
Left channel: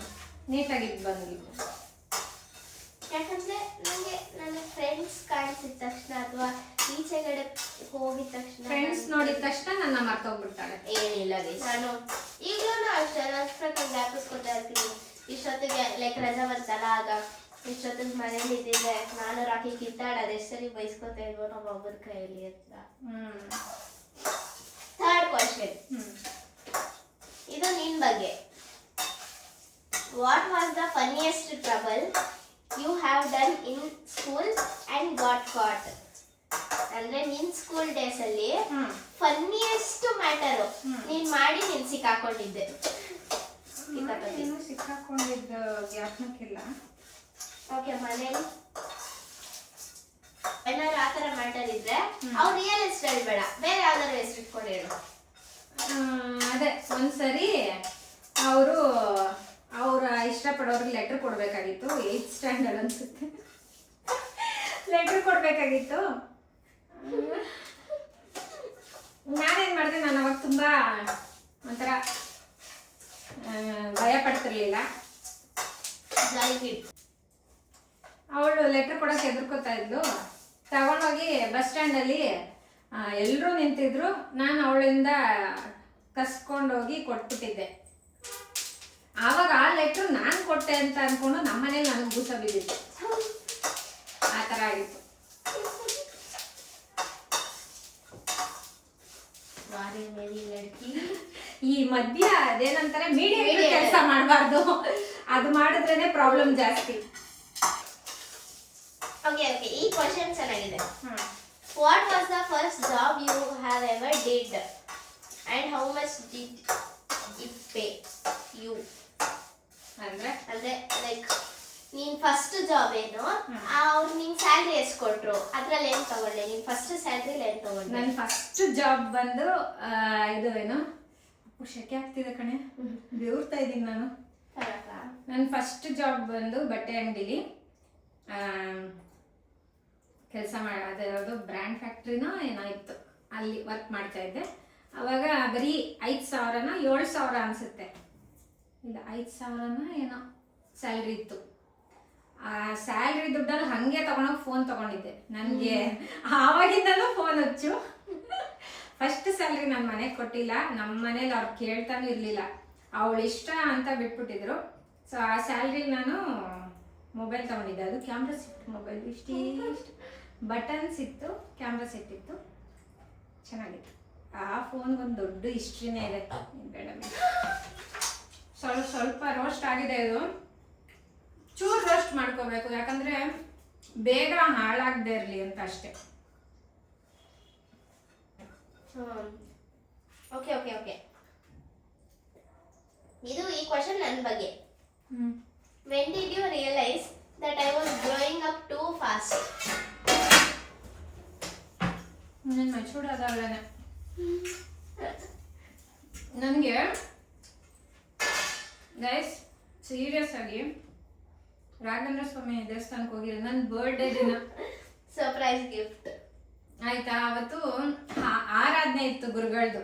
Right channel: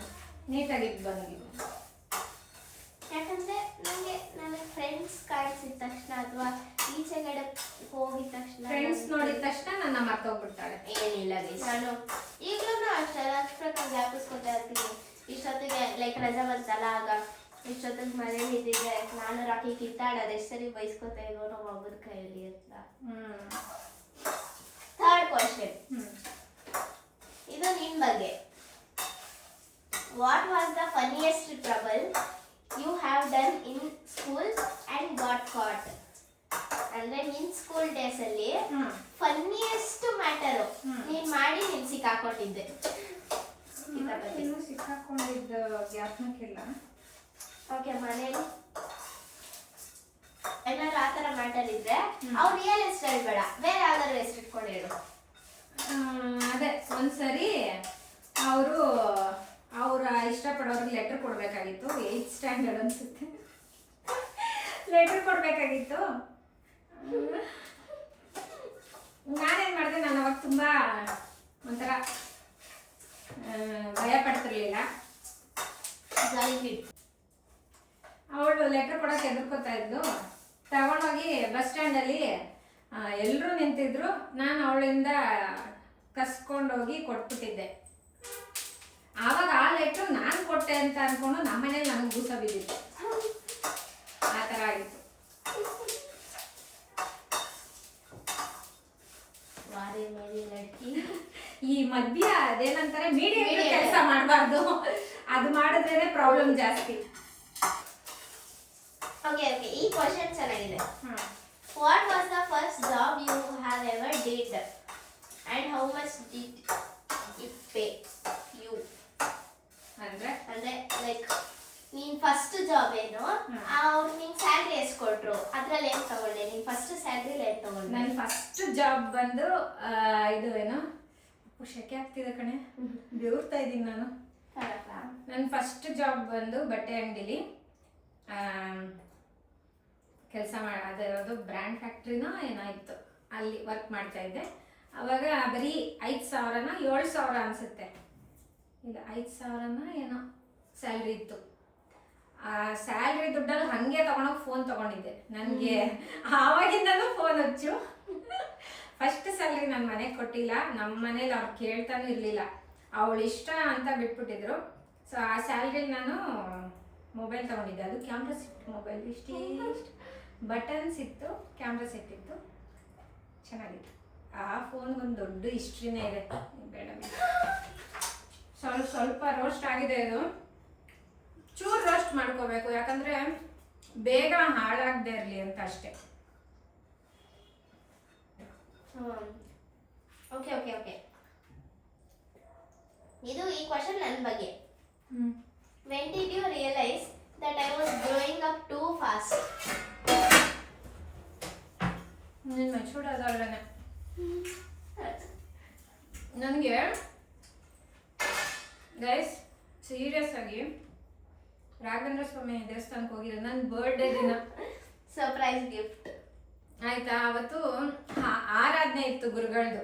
ನೀಟಾಗಿದ್ದು ಬಂದಿದ್ದು. ಯಾಕಂದರೆ ನನ್ನ ಫ್ರೆಂಡ್ಸ್ ಕಾಣಿಸಿದ ತಕ್ಷಣ ಅಥವಾ ಈಚೆಗಡೆ ಹೋಗಿದ ತಕ್ಷಣ ಫ್ರೆಂಡ್ಸ್ ನೋಡಿದ ತಕ್ಷಣ ನನ್ನ ಮರ್ತೋಗ್ಬಿಡ್ತಾಳೆ. ಏನಿಲ್ಲ ನಾನು ಈಗಲೂ ಅಷ್ಟೇ ಪ್ರಕಾರ ಜ್ಞಾಪಿಸ್ಕೊತಾ ಇರ್ತೀನಿ. ಇಷ್ಟೊತ್ತಿಗೆ ಲೈಕ್ ರಜಾ ಬಂತಲ್ಲ, ಆಗ ಇಷ್ಟೊತ್ತಿಗೆ ಮನೇಲಿ ಇದ್ದಿದ್ದೆ ನಾನು ರಾಕಿ ಕಿತ್ತಾಡೋದು ಎಷ್ಟು ಸರಿ ಬೈಸ್ಕೊತಾ ಇದ್ವು ನಮ್ಮ ಒಬ್ಬರ ಕೈಯಲ್ಲಿ ಅಂತ. ಥರ್ಡ್ ಕ್ವಶನ್, ಇದು ನಿನ್ ಬಗ್ಗೆ. What was the funniest trouble you have done in school and got caught? ಅಂದ್ರೆ ನಿನ್ ಸ್ಕೂಲ್ ಡೇಸ್ ಅಲ್ಲಿ ಫನ್ನಿಯೆಸ್ಟ್ ಮ್ಯಾಟರು ನೀನ್ ಮಾಡಿ ನೀನ್ ಸಿಕ್ಕಾಕೊಂಡಿದ್ದೆ. ಸಿಕ್ಕಾಕೊಂಡಿದ್ದ ಜ್ಞಾಪನಕ್ಕಿಲ್ಲ. ಓಕೆ, ಮನೇಲಿ ಏನಾದ್ರು ಆ ಥರ ಮ್ಯಾಟರ್ ಇದ್ರೆ ಅವ್ರು ರಿಯಲ್ ಹೆಸರು ಹೇಳ್ಬೇಡ, ಬೇರೆ ಯಾವ್ದಾದ್ರು ಹೆಸರು ಇಟ್ಕೊಂಡು ಹೇಳು. ಅದೇ ಒಂದ್ಸರಿ ಅವ್ರ ಇಷ್ಟಪಡೋರಿಗೆ ಲೆಟ್ರ್ ಕೊಡಬೇಕಾಗಿತ್ತು. 8th ಸ್ಟ್ಯಾಂಡರ್ಡ್ ಅನ್ಸುತ್ತೆ. ಲೆಟ್ರ್ ಕೊಡಬೇಕಾಗಿತ್ತು. ನಾನೇನು ಮಾಡಿದೆ, ನಾನು ಅವಾಗ ತುಂಬ ಒಂಥರ ಭಯ ಪಡ್ತಿರ್ಲಿಲ್ಲ. ಅವಳು ಲೆಟ್ರ್ ಕೊಡೋಕೆ ಎದುರ್ಕೋತಾ ಇದ್ಲು. ತಗೊಂಡೋಗಿ ಬಸ್ ಸ್ಟ್ಯಾಂಡಲ್ಲಿ ಎಲ್ಲರೂ ನಿಂತಿದ್ರು. ನಾನು ಅವಳಿಂದ ಕಸ್ಕೊಂಡೋಗಿ ಕೊಟ್ಬಿಟ್ಟಿದ್ದೆ. ಆವಾಗ ಆ ಲೆಟ್ರು ನಾನು ಕೊಟ್ಟೆ ಅಂತ ಅಂದ್ಕೊಂಡು ನಮ್ಮನೇಲಿ ನನಗೆ ಬೂಸ ಬಿದ್ದಿತ್ತು. ಆ ಥರ ಆಗಿತ್ತು. ಈ ಮಧ್ಯ ಅದೇನಂತಾರೆ ಮೀಡಿಯಂ ಕೆಲಸ ಮಾಡಬಾರ್ದು, ಅದು ಮಾಡಿದ್ರೇನೆ ಪ್ರಾಬ್ಲಮ್ ಜಾಸ್ತಿ. ಓಕೆ, ಈ ಕ್ವಶನ್ ಚೆನ್ನಾಗಿದೆ. What was the first job you have ever did and how much did it pay you? ಅಂದ್ರೆ ಲೈಕ್ ನೀನ್ ಫಸ್ಟ್ ಜಾಬ್ ಏನು, ಅವ್ರು ನಿಂಗೆ ಸ್ಯಾಲ್ರಿ ಎಷ್ಟು ಕೊಟ್ರು, ಅದ್ರಲ್ಲಿ ಏನು ತಗೊಂಡೆ? ನೀನ್ ಫಸ್ಟ್ ಸ್ಯಾಲ್ರಿಲಿ ಏನು ತಗೊಂಡೆ? ನನ್ನ ಫಸ್ಟ್ ಜಾಬ್ ಬಂದು ಇದು ಏನು ಶೆಕೆ ಆಗ್ತಿದೆ ಕಣೆ, ಬೆವರ್ತಾ ಇದ್ದೀನಿ ನಾನು. ನನ್ನ ಫಸ್ಟ್ ಜಾಬ್ ಬಂದು ಬಟ್ಟೆ ಅಂಗಡಿಲಿ ಕೆಲಸ ಅದಿರೋದು ಬ್ರ್ಯಾಂಡ್ ಫ್ಯಾಕ್ಟ್ರಿನೋ ಏನೋ ಇತ್ತು, ಅಲ್ಲಿ ವರ್ಕ್ ಮಾಡ್ತಾ ಇದ್ದೆ. ಅವಾಗ ಬರೀ 5,000ನೋ 7,000 ಅನಿಸುತ್ತೆ, ಇಲ್ಲ 5,000ನೋ ಏನೋ ಸ್ಯಾಲ್ರಿ ಇತ್ತು. ಆ ಸ್ಯಾಲ್ರಿ ದುಡ್ಡಲ್ಲಿ ಹಾಗೆ ತೊಗೊಂಡೋಗಿ ಫೋನ್ ತೊಗೊಂಡಿದ್ದೆ. ನನಗೆ ಆವಾಗಿಂದನೂ ಫೋನ್ ಹಚ್ಚು. ಫಸ್ಟ್ ಸ್ಯಾಲ್ರಿ ನನ್ನ ಮನೆಗೆ ಕೊಟ್ಟಿಲ್ಲ, ನಮ್ಮ ಮನೇಲಿ ಅವ್ರು ಕೇಳ್ತಾನೂ ಇರಲಿಲ್ಲ. ಅವಳು ಇಷ್ಟ ಅಂತ ಬಿಟ್ಬಿಟ್ಟಿದ್ರು. ಸೊ ಆ ಸ್ಯಾಲ್ರಿಲಿ ನಾನು ಮೊಬೈಲ್ ತೊಗೊಂಡಿದ್ದೆ. ಅದು ಕ್ಯಾಮ್ರಾ ಸೆಟ್ ಮೊಬೈಲ್, ಇಷ್ಟು ಬಟನ್ಸ್ ಇತ್ತು, ಕ್ಯಾಮ್ರಾ ಸೆಟ್ ಇತ್ತು, ಚೆನ್ನಾಗಿತ್ತು. ಆ ಫೋನ್ಗೊಂದು ದೊಡ್ಡ ಹಿಸ್ಟ್ರಿನೇ ಇದೆ. ಬೇಡ ಸ್ವಲ್ಪ ರೋಸ್ಟ್ ಆಗಿದೆ. ಇದು ಚೂರು ರೋಸ್ಟ್ ಮಾಡ್ಕೋಬೇಕು, ಯಾಕಂದರೆ ಬೇಗ ಹಾಳಾಗದೆ ಇರಲಿ ಅಂತ ಅಷ್ಟೇ. ಓಕೆ ಓಕೆ ಓಕೆ, ಇದು ಈ ಕ್ವಶನ್ ನನ್ನ ಬಗ್ಗೆ. When did you realize that I was growing up too fast? ನೀನು ಮೈಸೂಡೋದಲ್ಲೇ ನನಗೆ ಗೈಸ್ ಸೀರಿಯಸ್ ಆಗಿ ರಾಘವೇಂದ್ರ ಸ್ವಾಮಿ ದೇವಸ್ಥಾನಕ್ಕೆ ಹೋಗಿದ್ದೆ ನನ್ನ ಬರ್ಡೇ ದಿನ. ಸರ್ಪ್ರೈಸ್ ಗಿಫ್ಟ್ ಆಯ್ತಾ. ಅವತ್ತು ಆರಾಧನೆ ಇತ್ತು ಗುರುಗಳದು,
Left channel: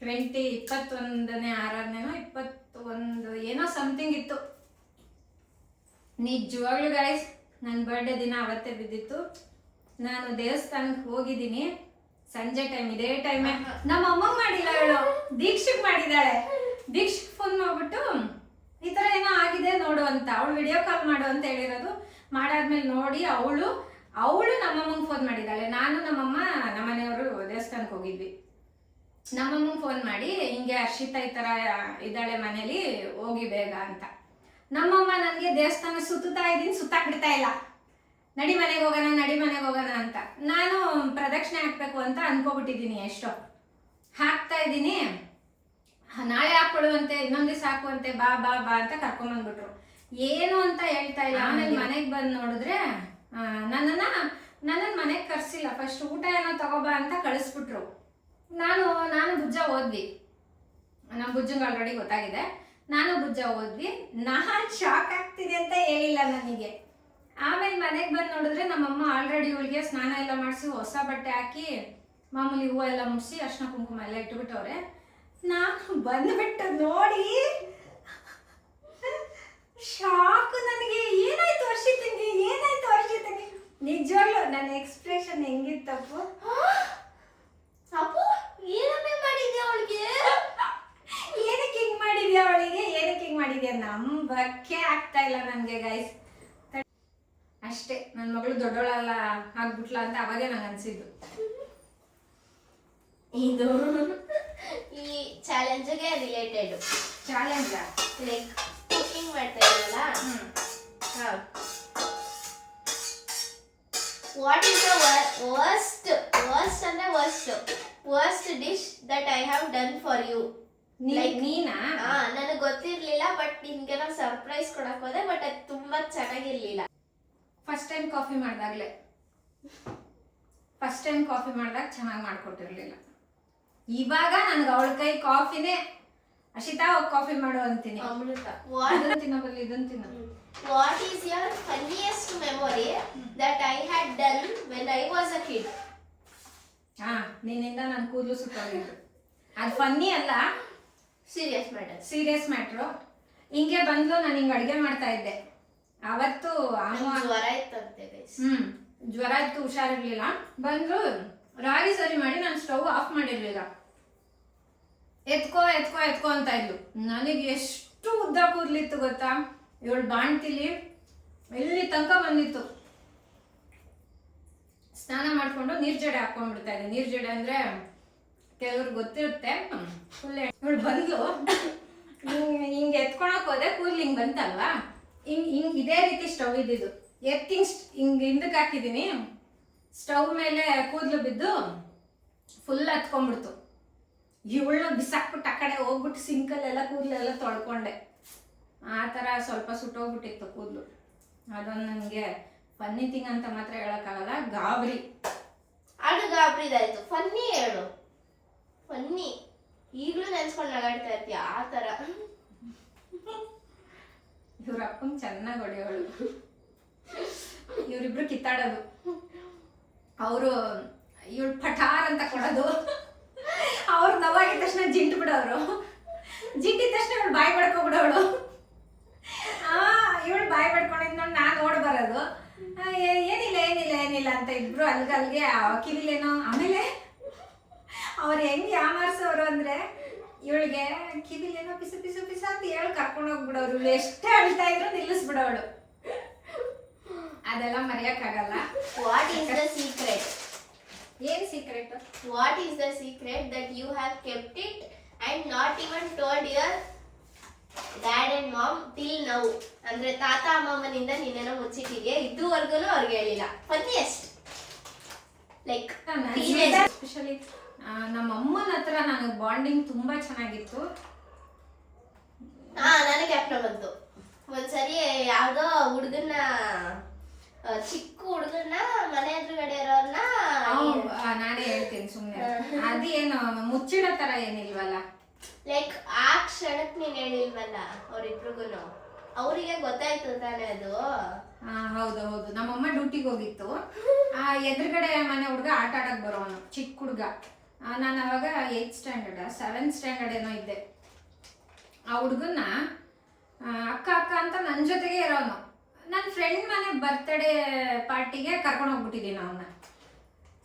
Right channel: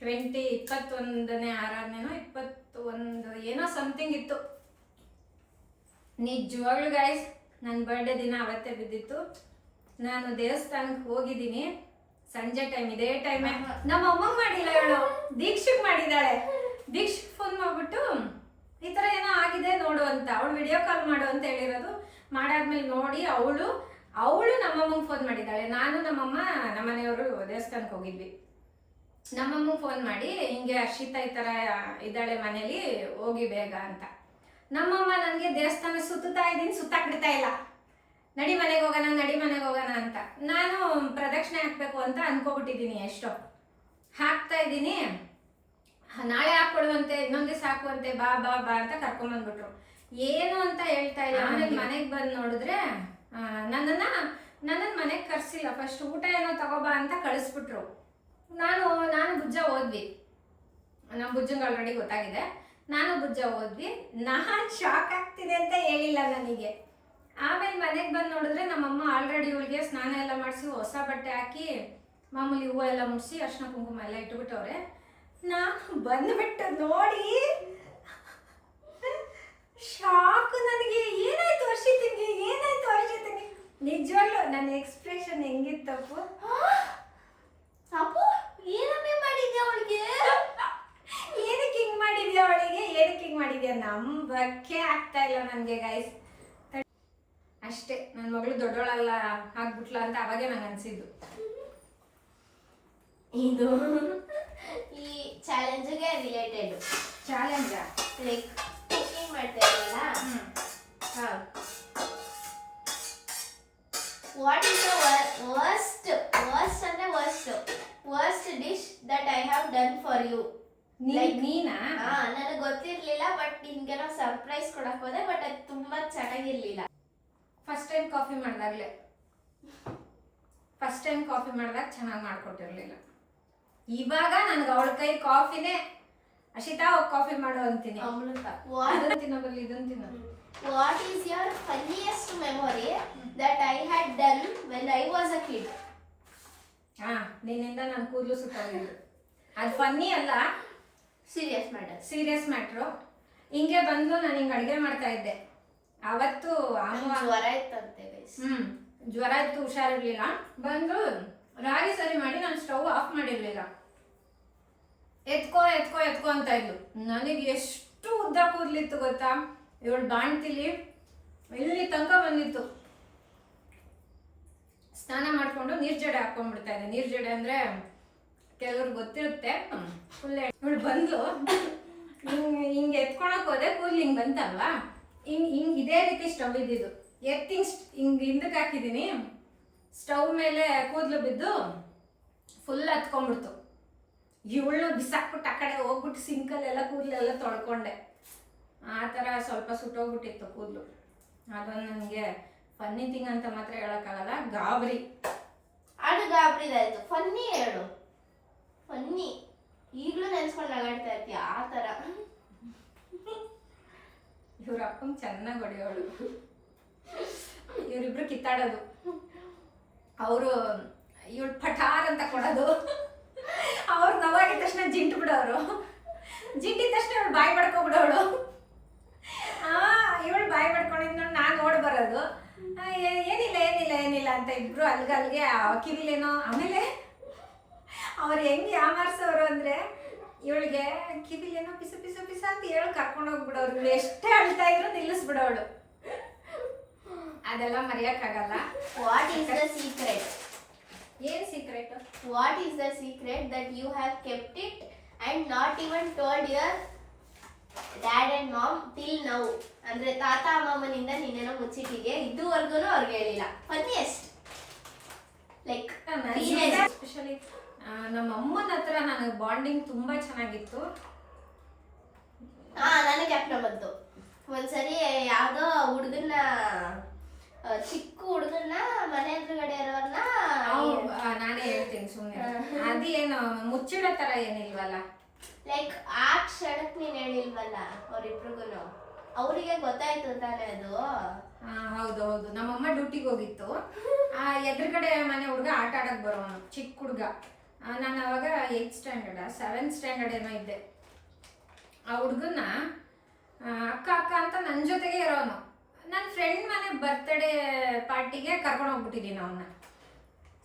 21ನೇ ಆರಾಧನೆನೋ 21 ಏನೋ ಸಮಥಿಂಗ್ ಇತ್ತು. ನಿಜವಾಗ್ಲೂ ಗೈಸ್ ನನ್ನ ಬರ್ಡೇ ದಿನ ಅವತ್ತೇ ಬಿದ್ದಿತ್ತು. ನಾನು ದೇವಸ್ಥಾನಕ್ಕೆ ಹೋಗಿದ್ದೀನಿ ಸಂಜೆ ಟೈಮ್, ಇದೇ ಟೈಮೇ. ನಮ್ಮ ಅಮ್ಮಂಗೆ ಮಾಡಿಲ್ಲ, ಅವಳು ದೀಕ್ಷಿಗೆ ಮಾಡಿದ್ದಾಳೆ. ದೀಕ್ಷಿಗೆ ಫೋನ್ ಮಾಡ್ಬಿಟ್ಟು ಈ ಥರ ಏನೋ ಆಗಿದೆ ನೋಡು ಅಂತ, ಅವಳು ವಿಡಿಯೋ ಕಾಲ್ ಮಾಡು ಅಂತ ಹೇಳಿರೋದು. ಮಾಡಾದ್ಮೇಲೆ ನೋಡಿ ಅವಳು ನಮ್ಮಮ್ಮಂಗೆ ಫೋನ್ ಮಾಡಿದ್ದಾಳೆ. ನಾನು ನಮ್ಮಮ್ಮ ನಮ್ಮನೆಯವರು ದೇವಸ್ಥಾನಕ್ಕೆ ಹೋಗಿದ್ವಿ. ನಮ್ಮಮ್ಮಂಗೆ ಫೋನ್ ಮಾಡಿ ಹಿಂಗೆ ಹರ್ಷಿತಾ ಈ ಥರ ಇದ್ದಾಳೆ ಮನೇಲಿ, ಹೋಗಿ ಬೇಗ ಅಂತ. ನಮ್ಮಮ್ಮ ನನಗೆ ದೇವಸ್ಥಾನ ಸುತ್ತಾ ಇದ್ದೀನಿ, ಸುತ್ತಾಕ್ಬಿಡ್ತಾ ಇಲ್ಲ. ನಡಿ ಮನೆಗೆ ಹೋಗೋಣ ಅಂತ. ನಾನು ಪ್ರದಕ್ಷಿಣೆ ಹಾಕ್ಬೇಕು ಅಂತ ಅನ್ಕೋಬಿಟ್ಟಿದ್ದೀನಿ. ಎಷ್ಟೋ ಹಾಕ್ತಾ ಇದ್ದೀನಿ. ನಾಳೆ ಹಾಕ್ಕೊಡುವಂತೆ, ಇನ್ನೊಂದು ದಿವಸ ಹಾಕುವಂತೆ, ಬಾ ಬಾ ಬಾ ಅಂತ ಕರ್ಕೊಂಬಂದ್ಬಿಟ್ರು. ಏನು ಅಂತ ಹೇಳ್ತಾ ಇಲ್ಲ. ಆಮೇಲೆ ಮನೆಗೆ ಬಂದು ನೋಡಿದ್ರೆ ನನ್ನನ್ನು ಮನೆಗೆ ಕರ್ಸಿಲ್ಲ. ಫಸ್ಟ್ ಊಟ ಏನೋ ತಗೋಬಾ ಅಂತ ಕಳಿಸ್ಬಿಟ್ರು. ನಾನು ಬುಜ್ಜ ಹೋದ್ವಿ. ನಮ್ಮ ಬುಜ್ಜಂಗೆ ಆಲ್ರೆಡಿ ಗೊತ್ತಾಗಿದೆ. ನಾನು ಬುಜ್ಜ ಹೋದ್ವಿ. ನಾನು ಶಾಕ್ ಆಗ್ತಿದೆ ಅಂತ ಹೇಳಿಲ್ಲ ನನಗೆ. ಆಮೇಲೆ ಮನೆಗೆ ಬಂದು ನೋಡಿದ್ರೆ ನಮ್ಮಮ್ಮ ಆಲ್ರೆಡಿ ಇವಳಿಗೆ ಸ್ನಾನ ಎಲ್ಲ ಮಾಡಿಸಿ ಹೊಸ ಬಟ್ಟೆ ಹಾಕಿ ಮಾಮೂಲಿ ಹೂವು ಎಲ್ಲ ಮುಡಿಸಿ ಅರ್ಶಿನ ಕುಂಕುಮ ಎಲ್ಲ ಇಟ್ಬಿಟ್ಟವ್ರೆ. ನಾನು ಬಂದ್ಬಿಟ್ಟು ನೋಡಿ ಶಾಕ್. ನನಗೆ ಏನಾಯ್ತು ವರ್ಷಿತಂಗೆ, ಏನಾಯ್ತು ವರ್ಷಿತಂಗೆ? ನಿಜವಾಗ್ಲೂ ನನ್ನ ಎಕ್ಸ್ಪ್ರೆಷನ್ ಹೆಂಗಿತ್ತಪ್ಪು? ಅಪ್ಪು ಏನಮ್ಮೆ ಮಾಡಿದ್ಯಾ ಅವಳಿಗೆ? ಏನಕ್ಕೆ ಹಿಂಗ್ ಮಾಡಿದ್ಯಾ ಅವಳಿಗೆ? ಏನಕ್ಕೆ ಹಿಂಗ್ ಮಾಡಿದ್ಯಾ? ನಂಬಕ್ಕೆ ಆಗ್ತಾ ಇಲ್ಲ ನನಗೆ ಗೈಸ್. ಅಷ್ಟೇ, ನನ್ನ ಮಗಳು ದೊಡ್ಡವಳಲ್ಲ ಆಗ್ಬಿಟ್ಲ ಅಂತ ಅವಾಗೇ ನಂಗೆ ಅನ್ಸಿದ್ದು. ಇದು ಈ ಚಾಲೆಂಜ್ಗೆ ರಿಲೇಟೆಡ್. ಚಾಲೆಂಜ್ ಲೈಕ್ ಕುಕಿಂಗ್ ಮಾಡ್ತಾ ಇದ್ದೀವಲ್ಲ. ವಾಟ್ ಇಸ್ ದ ವರ್ಸ್ಟ್ ಅಂದ್ರೆ worst dish that I have done for you? ನೀನಾ? ನನಗೆ ಗೊತ್ತಿರ್ಲಿಲ್ಲ, ಬಟ್ ನಿಮ್ಗೇನೋ ಸರ್ಪ್ರೈಸ್ ಕೊಡಕ್ ಹೋದೆ, ಬಟ್ ಅದು ತುಂಬಾ ಚೆನ್ನಾಗಿರ್ಲಿಲ್ಲ. ಫಸ್ಟ್ ಟೈಮ್ ಕಾಫಿ ಮಾಡಿದಾಗ ಚೆನ್ನಾಗಿ ಮಾಡ್ಕೊಟ್ಟಿರ್ಲಿಲ್ಲ. ಇವಾಗ ನನಗೆ ಅವಳ ಕೈ ಕಾಫಿನೇ ಅಶಿತಾ ಹೋಗಿ ಕಾಫಿ ಮಾಡು ಅಂತೀನಿ. ಅಮೃತ. ತಿನ್ನಬಲ್ಲಿ ಇದನ್ನ ತಿನ್ನ. What is your funniest memory that I had done when I was a kid? ನಿನ್ನಿಂದ ನನ್ನ ಕೂದಲು ಸುತ್ತೋಗಿದ್ದು. ಅದು ಫನ್ನಿ ಅಲ್ಲ, ಸೀರಿಯಸ್ ಮ್ಯಾಟ್ರು. ಹಿಂಗೆ ಬಂದು ನಾನು ಹಿಂಗೆ ಅಡುಗೆ ಮಾಡ್ತಾ ಇದ್ದೆ ಅವತ್ತು. ಜ್ವರ ಇತ್ತಂತೆ. ಜ್ವರ ಇತ್ತು, ಹುಷಾರಿರ್ಲಿಲ್ಲ. ಬಂದು ರಾಗಿ ಸರಿ ಮಾಡಿ ನಾನು ಸ್ಟವ್ ಆಫ್ ಮಾಡಿರ್ಲಿಲ್ಲ. ಎತ್ಕೋ ಅಂತ ಇದ್ಲು. ನನಗೆ ಎಷ್ಟು ಉದ್ದ ಕೂದಲಿತ್ತು ಗೊತ್ತಾ? ಇವಳು ಬಾಣ್ತಿಲಿ ಇಲ್ಲಿ ತನಕ ಬಂದಿತ್ತು. ಸ್ನಾನ ಮಾಡ್ಕೊಂಡು ನೀರ್ ಜಡೆ ಹಾಕೊಂಡ್ಬಿಡ್ತಾ ಇದ್ದೆ. ನೀರ್ ಜಡೆ ಅಂದ್ರೆ ಕೆಲವ್ರಿಗೆ ಗೊತ್ತಿರುತ್ತೆ. ಫುಲ್ ಇವಳು ಬಂದು ಹಿಂಗೆ ಎತ್ಕೊಳಕ್ ಹೋದೆ, ಕೂದಲು ಹಿಂಗೆ ಬಂತಲ್ವಾ, ಹಿಂಗ್ ಇದೇ ರೀತಿ ಸ್ಟವ್ ಇದ್ದಿದ್ದು. ಹಿಂಗ್ ಹಿಂದಕ್ಕೆ ಹಾಕಿದೀನಿ, ಸ್ಟವ್ ಮೇಲೆ ಕೂದಲು ಬಿದ್ದು ಫುಲ್ ಹತ್ಕೊಂಡ್ಬಿಡ್ತು. ಇವಳನ್ನ ಬಿಸಾಕ್ಬಿಟ್ಟು ಆ ಕಡೆ ಹೋಗ್ಬಿಟ್ಟು ಸಿಂಕಲ್ಲೆಲ್ಲ ಕೂದಲೆಲ್ಲ ತೊಳ್ಕೊಂಡೆ. ಆ ಥರ ಸ್ವಲ್ಪ ಸುಟ್ಟೋಗ್ಬಿಟ್ಟಿತ್ತು ಕೂದಲು. ಅದೊಂದು ನನಗೆ ಫನ್ನಿ ಥಿಂಗ್ ಅಂತ ಮಾತ್ರ ಹೇಳೋಕ್ಕಾಗಲ್ಲ, ಗಾಬರಿ. ಅದು ಗಾಬರಿದಾಯ್ತು. ಫನ್ನಿ ಹೇಳು. ಫನ್ನಿ ಈಗಲೂ ನೆನ್ಸ್ಕೊಂಡು ನಗಾಡ್ತಾ ಇರ್ತೀಯ ಆ ಥರ. ಇವ್ರ ಅಪ್ಪಂಗೆ ಚೆನ್ನಾಗಿ ಹೊಡೆಯೋಳು. ಇವರಿಬ್ರು ಕಿತ್ತಾಡೋದು. ಅವರು ಇವಳು ಪಠಾರ್ ಅಂತ ಕೊಡೋದು. ಅವ್ರು ನವಾಗಿದ ತಕ್ಷಣ ಜಿಂಟು ಬಿಡೋರು. ಜಿಂಟಿದ ತಕ್ಷಣ ಇವಳು ಬಾಯಿ ಮಾಡ್ಕೊಬಿಡೋಳು. ಇವಳು ಬಾಯಿ ಮಾಡ್ಕೊಂಡಿದ್ ನೋಡಿ ನಾನು ಓಡ್ ಬರೋದು. ಏನಿಲ್ಲ ಅಂತ ಇಬ್ರು ಅಲ್ಗೆ ಕಿವಿಲೇನೋ. ಆಮೇಲೆ ಅವ್ರು ಹೆಂಗೆ ಯಾಮಾರ್ಸೋರು ಅಂದ್ರೆ, ಇವಳಿಗೆ ಕಿವಿಲೇನೋ ಪಿಸ ಅಂತ ಹೇಳಿ ಕರ್ಕೊಂಡು ಹೋಗ್ಬಿಡೋರು. ಇವಳು ಎಷ್ಟೇ ಅಳ್ತಾ ಇದ್ರು ನಿಲ್ಲಿಸ್ಬಿಡೋಳು. ಅದೆಲ್ಲ ಮರೆಯಕ್ಕಾಗಲ್ಲ. What is the secret? ಏನ್ secret? What is the secret that you have kept it and not even told your dad and mom till now? ಅಂದ್ರೆ ತಾತ ಅಮ್ಮಮ್ಮನಿಂದ ನೀನೇನೋ ಮುಚ್ಚಿಟ್ಟಿದ್ಯಾ, ಇದುವರೆಗೂ ಅವ್ರಿಗೆ ಹೇಳಿಲ್ಲ. ಫನ್ನಿಯೆಸ್ಟ್ ಲೈಕ್ ಎಸ್ಪೆಷಲಿ ನಮ್ಮ ಅಮ್ಮನ ಹತ್ರ ನನಗೆ ಬಾಂಡಿಂಗ್ ತುಂಬಾ ಚೆನ್ನಾಗಿತ್ತು. ನನಗೆ ಜ್ಞಾಪನ ಬಂತು. ಒಂದ್ಸರಿ ಯಾವ್ದೋ ಹುಡುಗನ್ನ, ಚಿಕ್ಕ ಹುಡುಗನ್ನ ಮನೆ ಎದುರುಗಡೆ ಇರೋರ್ನ, ನಾನೇ ಹೇಳ್ತೀನಿ ಸುಮ್ಮನೆ. ಅದೇನು ಮುಚ್ಚಿಡೋ ತರ ಏನಿಲ್ವಲ್ಲ. ಲೈಕ್ ಆ ಕ್ಷಣಕ್ ನೀನ್ ಹೇಳಿಲ್ವಲ್ಲ ಅವ್ರಿಬ್ರಿಗೂನು, ಅವರಿಗೆ ಗೊತ್ತಾಯ್ತು ತಾನೇ ಅದು. ಹೌದು. ನಮ್ಮಮ್ಮ ಡ್ಯೂಟಿಗೆ ಹೋಗಿತ್ತು. ಎದುರುಗಡೆ ಮನೆ ಹುಡುಗ ಆಟ ಆಡಕ್ ಬರೋನು, ಚಿಕ್ಕ ಹುಡುಗ. ನಾನು ಅವಾಗ 8th ಸ್ಟ್ಯಾಂಡರ್ಡ್ 7th ಸ್ಟ್ಯಾಂಡರ್ಡ್ ಏನೋ ಇದ್ದೆ. ಆ ಹುಡುಗನ್ನ ಅಕ್ಕ ಅಂತ ನನ್ನ ಜೊತೆಗೆ ಇರೋನು. ನನ್ನ ಫ್ರೆಂಡ್ ಮನೆ ಬರ್ತ್ಡೇ ಪಾರ್ಟಿಗೆ ಕರ್ಕೊಂಡು ಹೋಗ್ಬಿಟ್ಟಿದ್ದೀನಿ ಅವನ್ನ.